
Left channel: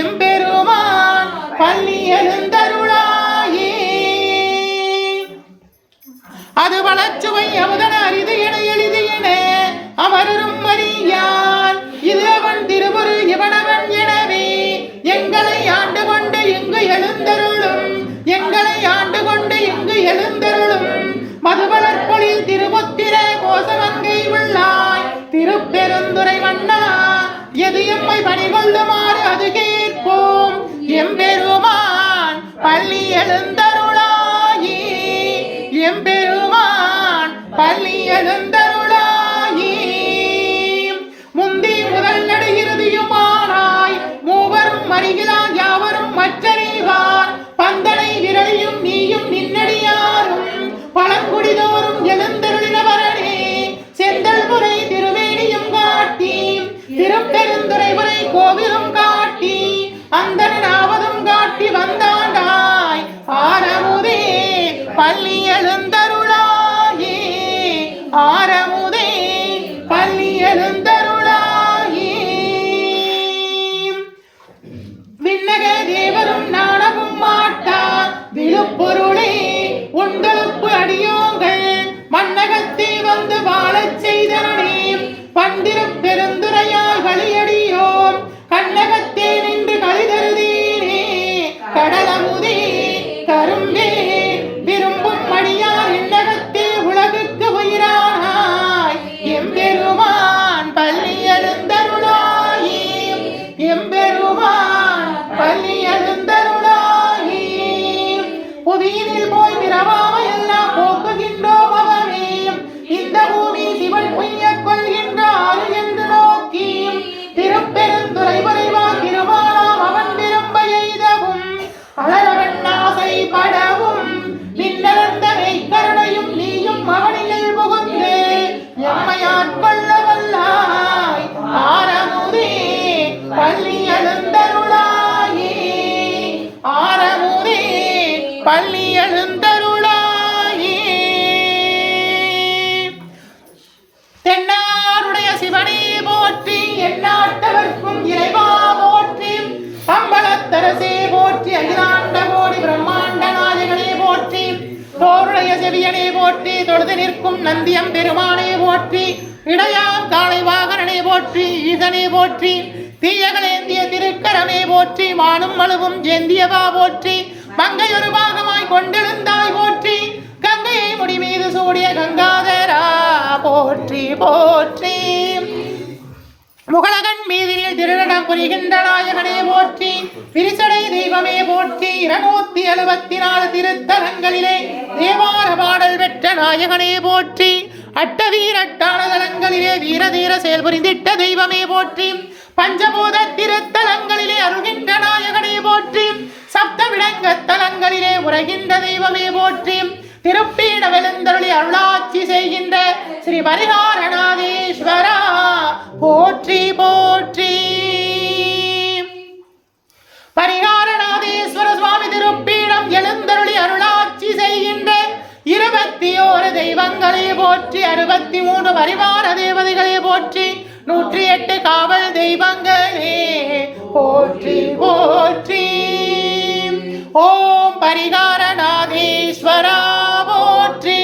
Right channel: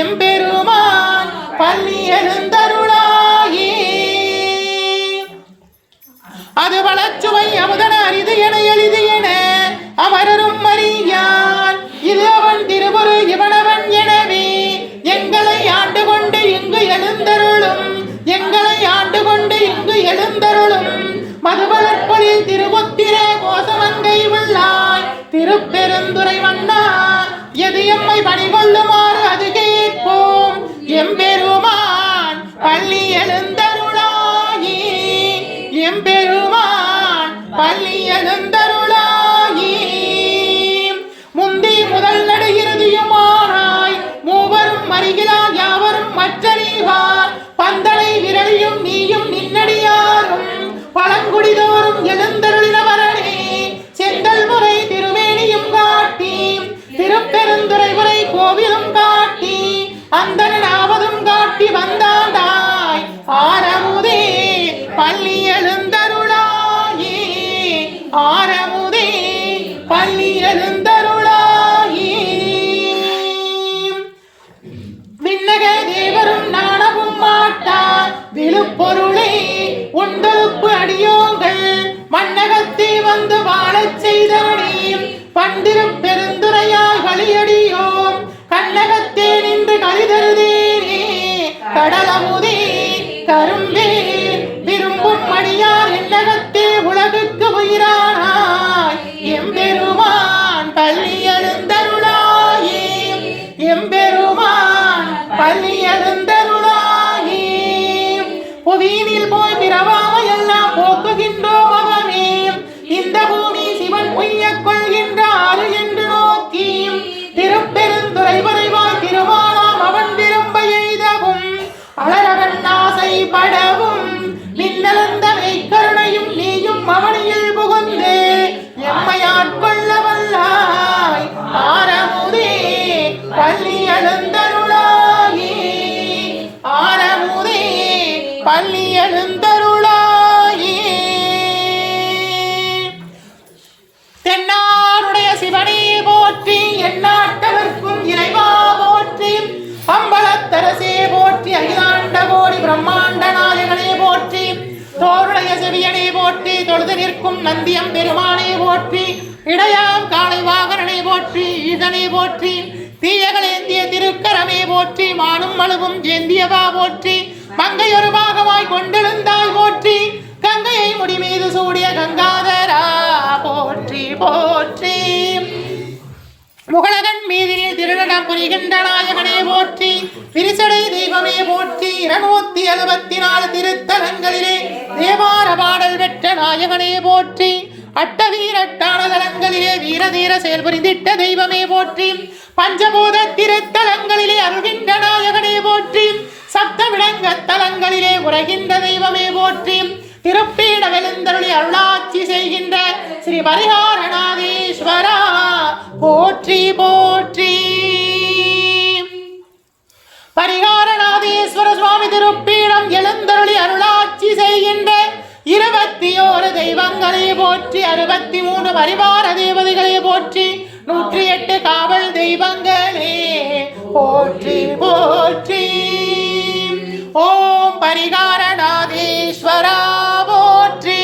எம்பெருமான் பள்ளி எழுந்தருளாயே அது வளச்சுவை அமுதன அரிது என எளிது என அமரரும் அறியான் இது அவன் திருவுரு இவனவன் எனவே எங்களை ஆண்டு கொண்டு இங்கு எழுந்தருளும் எங்களை ஆண்டு கொண்டு இங்கு எழுந்தருளும் மதுவளர்பொழில் திருமுத்திர கோசமங்கை உள்ளாய் திருப்பெருந்துறை மன்னா எது எம்மை பணிகொள்ளுமாறு அது கேட்போம் எம்பெருமான் பள்ளி எழுந்தருளாயே எம்பெருமான் பள்ளி எழுந்தருளாயே முந்தி முதல் நடு இறுதியுமானாய் மூவரும் மறிகிறார் யாவரும் மற்றறிவார் பந்தனை விரலியும் நீயும் நின்னடியாரும் பழங்குடிதோறும் எழுந்தருளினவரனே செந்தல் முறை திருவேணியும் காட்டி திருப்பெருந்துறை உரை கோவிலும் காட்டி அந்தனாவதும் காட்டி வந்தாண்டாய் ஆரமுதே பள்ளி எழுந்தருளாயே ஆரமுதே பள்ளி எழுந்தருளாயே விண்ணக தேவரும் நாணவும் மாட்டார் விழுப்பொருளே உண்டலுப்பு அடியோங்கள் மன்னகத்தே வந்து வாழச் செய்தனே பண்டிருப்பெருந்துரையாய் வழியடியோம் கண்ணகத்தே நின்று கழிதருதேனே கடலமுதே கரும்பே விரும்பும் மணியார் இன்னகத்தே உலகுக்கு உயிரானாய் எம்பெருமான் பள்ளி எழுந்தருளாயே எம்பெருமான் பள்ளி எழுந்தருளாயே புவியினில் போய் பிறவாம எல்லாம் போக்குகின்றோம் அவனே இந்த பூமி சிவன் உய்யக் கொள்கின்றார் என்று நோக்கி திருப்பெருந்துறை வரைவாய் திருமாலாம் அவன் விரும்ப எய்தவும் அலரவன் ஆசைப்படவும் மின்னலந்த மெய்க்கருணையும் நீயும் அவனியில் புகுந்து எம்மையாட்கொள்ள வல்லாய் ஆரமுதே பள்ளி எழுந்தருளாயே ஆரமுதே பள்ளி எழுந்தருளாயே தென்னாருடைய சிவனே போற்றி எந்நாட்டவர்க்கும் இறைவா போற்றி அம்பலத்தரசே போற்றி அகிலாண்ட கோடி பிரம்மாண்ட நாயகனே போற்றி, தோருடைய செவியனே போற்றி, தொழுது நிற்கும் நந்தியம் பெருமானே போற்றி, இடையாம் காளை வாகனனே போற்றி, ஈசனே போற்றி, தீயகளேந்திய திருக்கரமே போற்றி, மானும் மழுவும் ஏந்தியவா போற்றி, மங்கையொரு பாகமாய் கொண்டிருந்தாய் போற்றி, கங்கையை முடி மீது சூடிய கங்காதரா போற்றி போற்றி, முகலகன் மீதில் திருநடம் புரிகின்ற நாயகனே போற்றி, விரிசடை தெய்வமே போற்றி, 274 திருத்தலங்களிலே தேவார பாடல் பெற்ற நாயகனே போற்றி, அட்டவீரட்டான தலங்களிலே வீரதீர செயல்புரிந்திட்ட தெய்வமே போற்றி, பஞ்சபூத திருத்தலங்களிலே அருகின்ற நாயகனே போற்றி, சப்த விடங்க தலங்களிலே உரைகின்ற தெய்வமே போற்றி, திருப்பீட வெளுந்தருளி அருளாட்சி செய்கின்ற ஸ்ரீ பரிகாரநாதீஸ்வரா போற்றி போற்றி. பரிகாரநாதீஸ்வர சுவாமி திருப்பீடம் எழுந்தருளி அருளாட்சி செய்கின்ற 21 தெய்வங்களே போற்றி, 63 பரிவார தேவதைகளே போற்றி, 108 காவல் தெய்வங்களே போற்றி போற்றி. ஓம் பரிகாரநாதீஸ்வரா போற்றி,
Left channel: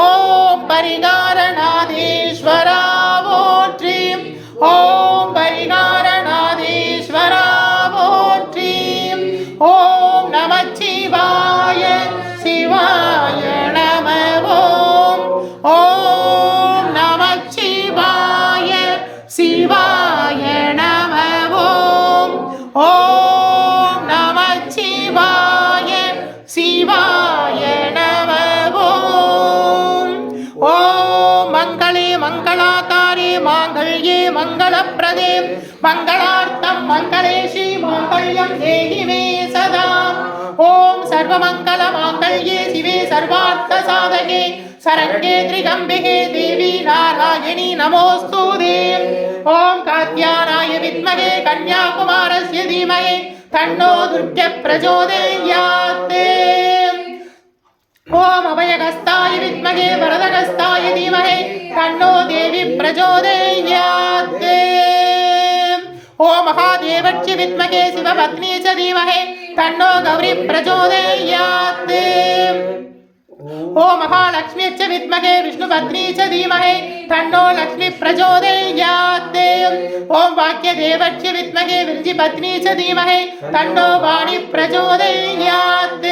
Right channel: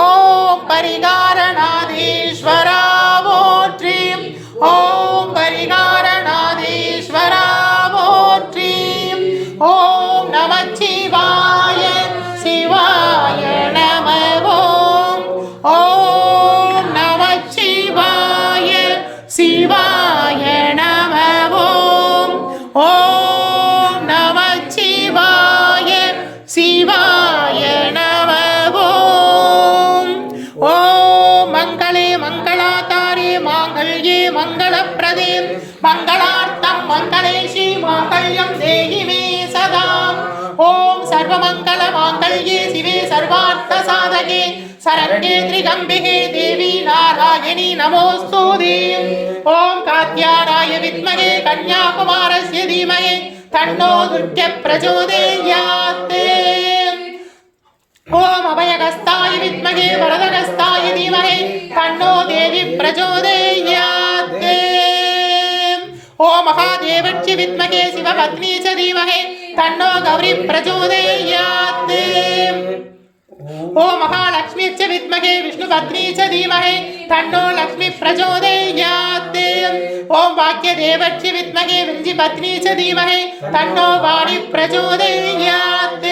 ஓம் பரிகாரநாதீஸ்வரா போற்றி, ஓம் பரிகாரநாதீஸ்வரா போற்றி. ஓம் நமச்சிவாய சிவாய நம ஓம், ஓம் நமச்சிவாய சிவாய நம ஓம், ஓம் நமச்சிவாய சிவாய நம ஓம். ஓம் மங்களே மங்களாதாரே மாங்கல்யே மங்களப்ரதே மங்களார்த்தம் மங்களேஷி மாங்கல்யம் தேஹி மே சதா. ஓம் சர்வமங்கள மாங்கல்யே சிவே சர்வார்த்த சாதகே சரண்யே த்ரிகம்பிகே தேவி நாராயணி நமோஸ்துதே. ஓம் காத்யாயனாய வித்மகே கன்யாகுமாரஸ்ய தீமஹி தன்னோ துர்கே பிரச்சோதயாத். ஓம் அபயகஸ்தாய வித்மகே வரதகஸ்தாய தீமஹி தன்னோ தேவி பிரச்சோதயாத். ஓம் மகாதேவச்ய வித்மகே சிவபத்னி ச தீமஹி தன்னோ கௌரி பிரச்சோதயாத். ஓம் மகாலக்ஷ்மிச்ச வித்மகே விஷ்ணுபத்னி ச தீமஹி தன்னோ லக்ஷ்மி பிரச்சோதயாத். ஓம் வாக்யதேவச்ய வித்மகே விருஞ்சிபத்னி ச தீமஹி தன்னோ வாணி பிரச்சோதயாத்.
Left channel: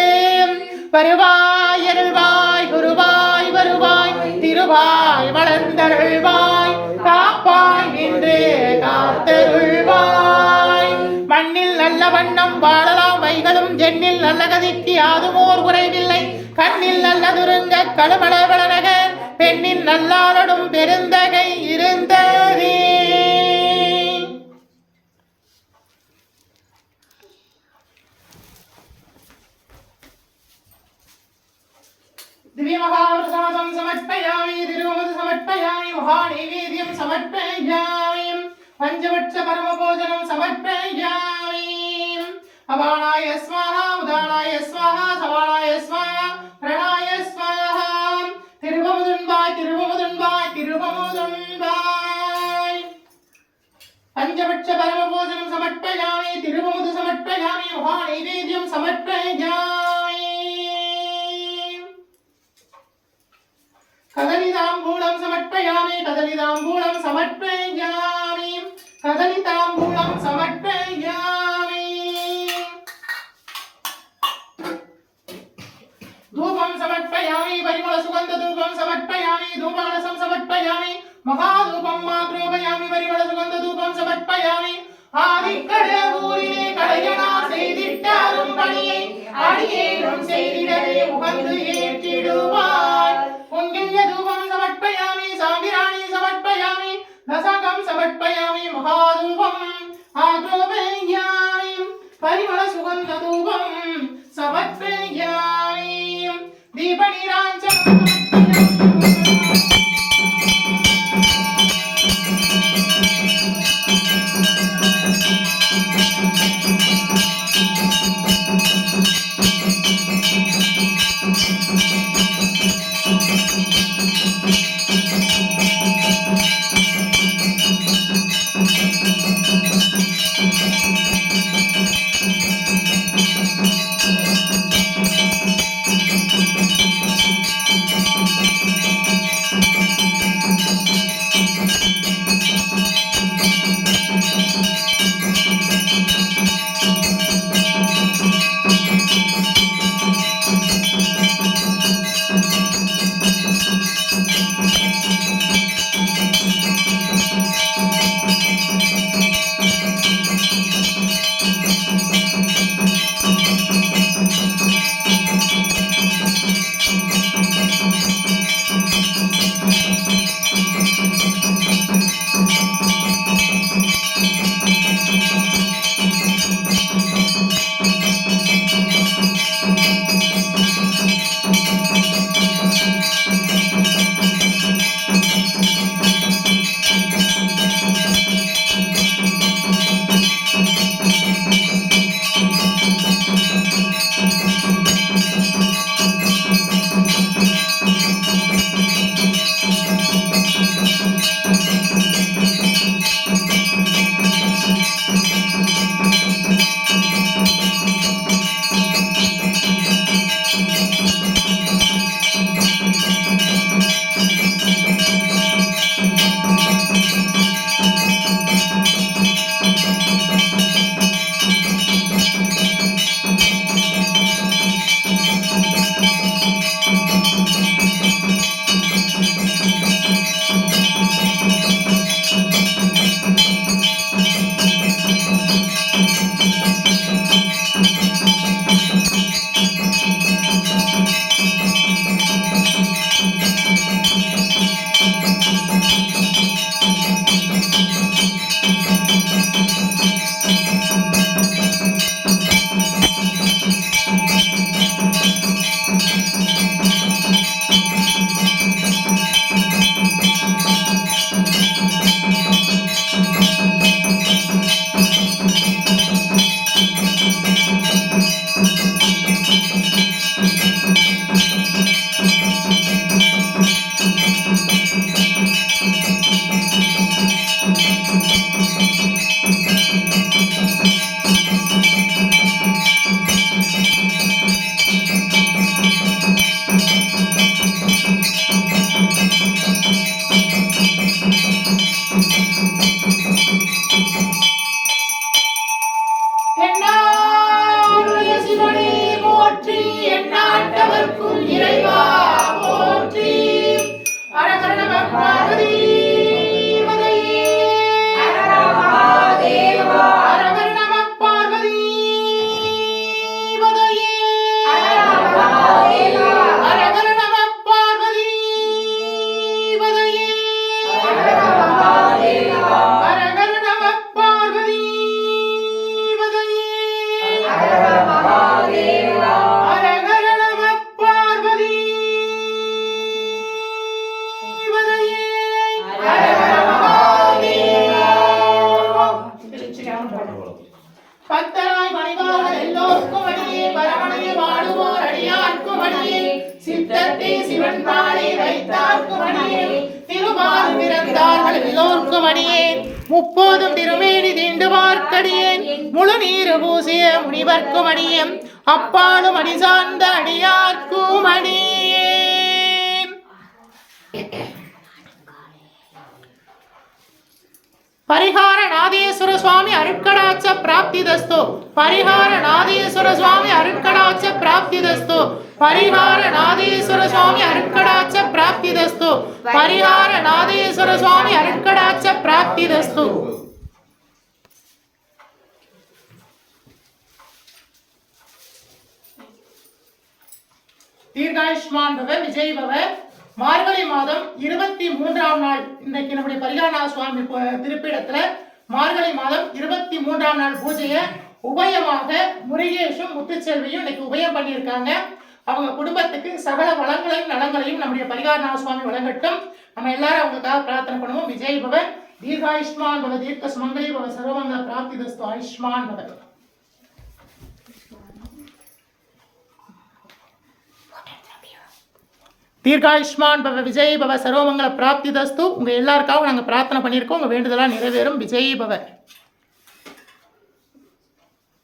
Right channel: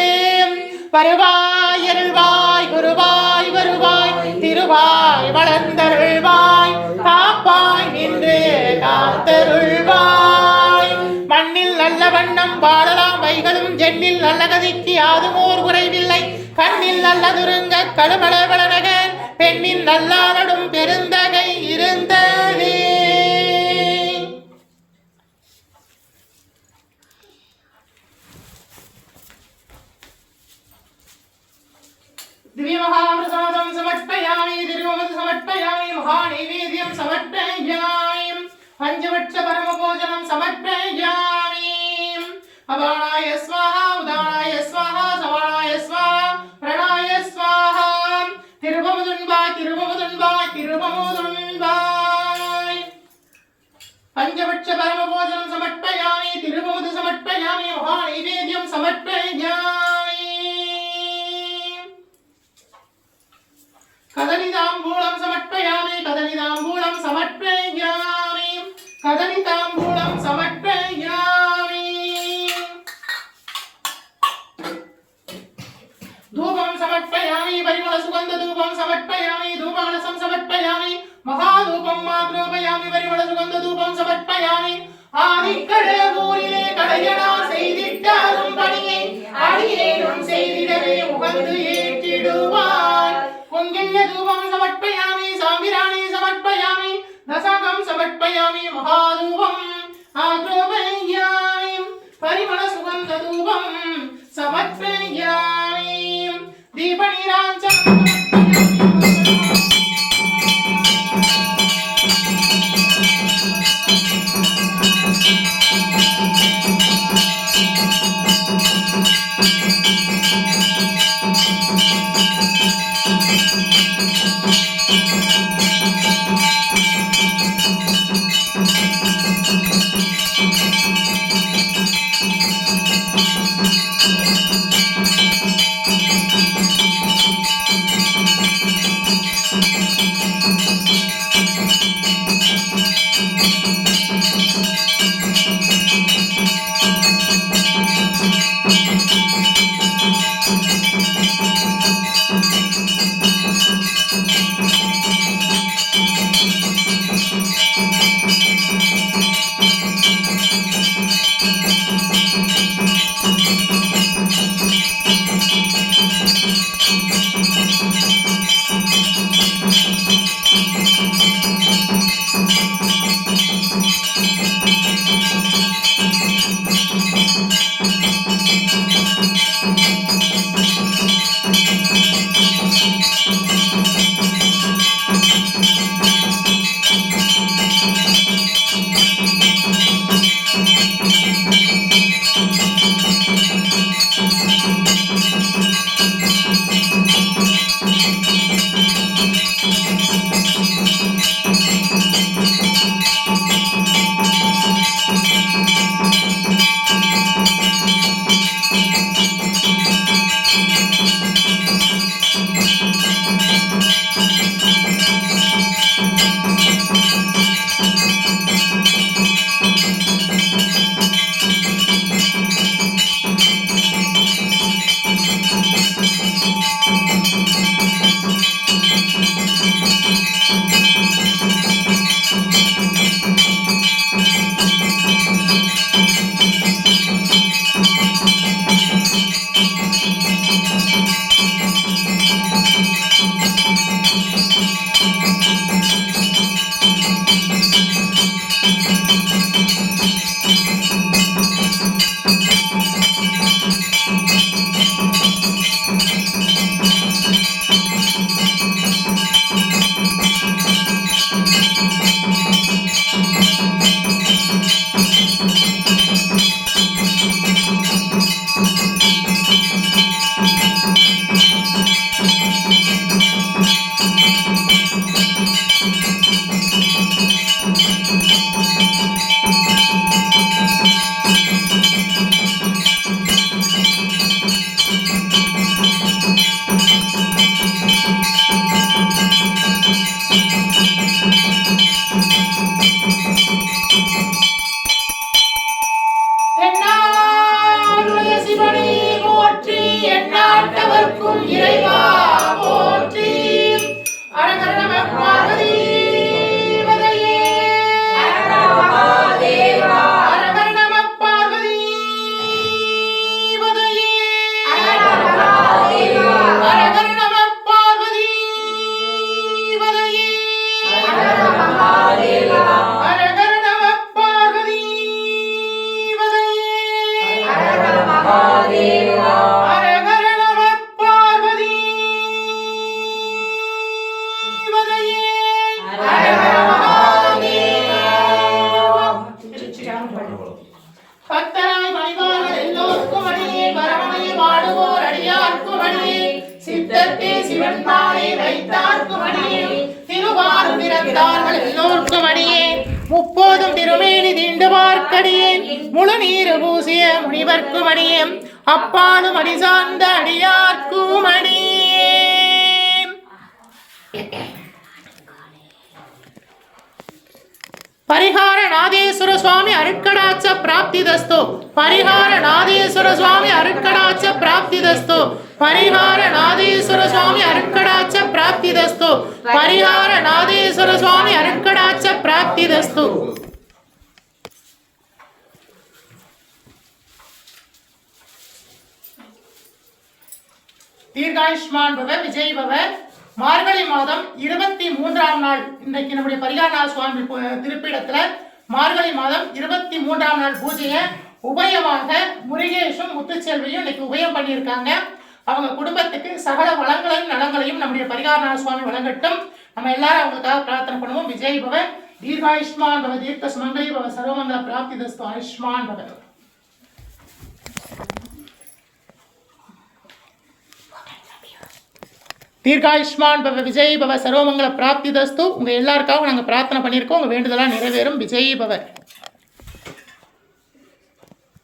வருவாய் அருள்வாய் குருவாய் வருவாய் திருவாய் வளர்ந்தருள்வாய் காப்பாய் நின்று காத்தருள்வாய். மண்ணில் நல்ல வண்ணம் வாழலாம் வைகளும் ஜென்னில் நல்ல கதிக்கு யாதுமோர் குறைவில்லை. கண்ணில் நல்ல துருங்க கழுமளவளனக பெண்ணில் நல்லாவடும் பெருந்தகை இருந்ததே. दिव्यमहाप्रसादं समर्पयामि, तिरुमद समर्पयामि, महानैवेद्यं समर्पयामि, पंचवट्स परमभोजनं समर्पयामि. अपानाय स्वाहा, उदानाय स्वाहा, समानाय स्वाहा, प्रणाय स्वाहा. तिरुवमुदुन्बाय तिरुवमुदुन्बाय तिरुवमुदुन्बाय. पंचवट्स परमभोजनं समर्पयामि, तिरुवमुद समर्पयामि, महानैवेद्यं समर्पयामि. कदलिताम्बूलं समर्पयामि, कदलिताम्बूलं समर्पयामि, कदलिताम्बूलं समर्पयामि. धूपं समर्पयामि, परिमलसुगन्धधूपं समर्पयामि, धूपकलशं समर्पयामि, महाधूपं मात्रोपयामि, परिमलसुगन्धधूपं समर्पयामि. ஆதிக்கடவுரிலே கடையனா செய்திட்ட அரும்பணியை அடியேனும் செய்திடவே உகந்து ஏற்றிடுவார். பொங்கில்ய தூபம் சமர்ப்பயாமி, சாம்பிராணி சமர்ப்பயாமி, தசகம் சமர்ப்பயாமி, மகாதூபம் ஆக்ரோபயாமி, பரிமள சுகந்த தூபம் சமர்ப்பயாமி. தீபநீராஞ்சனம் காக்கும் இறைவா போற்றி. அரகர நம பார்வதி பதையே. அரகர நம பார்வதி பதையே. அரகர நம பார்வதி பதையே. அரகர நம பார்வதி பதையே. அரகர நம பார்வதி பதையே. பத்தராய் மணிவார்கள் எல்லோருக்கும் அடியே, பரமனையை வாடுவோர் அடியார்க்கும் அடியே, சித்தத்தே சிவன் பாலை வைத்தார்க்கும் அடியே, திருவாரூர் பிறந்தார்கள் எல்லோருக்கும் அடியே, முப்போதும் திருமேனி தீண்டுவார்க்கடியேன், முழு நீரு பூசிய முனிவர்க்கும் அடியேன், அப்பாலும் அடி சார்ந்த அடியார்க்கும் அடியே. பரிகார நாதேஸ்வர சுவாமி அருட்கடாட்ச பிராப்திதஸ்து. பரிகார நாதேஸ்வர சுவாமி அருட்கடாட்ச பிராப்திதஸ்து. பரிகார நாதேஸ்வர சுவாமி அருட்கடாட்ச பிராப்திதஸ்து. பரிகார நாதேஸ்வர சுவாமி அருட்கடாட்ச பிராப்திதஸ்து. தீர்காயுஷ்மான் பவ விஜய் பவ. மார்கழி மாதம் 23ஆம் நாள் இன்றைக்கு நம்முடைய பரிகாரநாத சுவாமி திருப்பீடத்தில் மார்கழி மாதம் 23ஆம் நாள் பூஜையை உபயமாக முருகேஷும் முத்துச்செல்வியும் இன்னைக்கு உபயம் பண்ணியிருக்காங்க. அவங்க குடும்பத்துக்கு சகல வளங்களையும் நலங்களையும் நம்முடைய பரிகாரநாத சுவாமி வழங்கட்டும். நம்ம எல்லாரும் அவங்களுக்காக பிரார்த்தனை பண்ணுவோம். விஜய் பவ, தீர்காயுஷ்மான் பவ, தீர்க்க சுமங்கலி பவ, சர்வமங்கல பிராப்திதஸ்து. ஆயுஷ்மான் பவ. தீர்காயுஷ்மான் பவ, விஜய் பவ, சர்வமங்கல பிராப்திதஸ்து. உங்கள் எல்லாருக்காகவும் நாங்கள் பிரார்த்தனை பண்ணியிருக்கோம். உங்கள் வேண்டுதலாக நிறைவேறும். விஜய் பவ.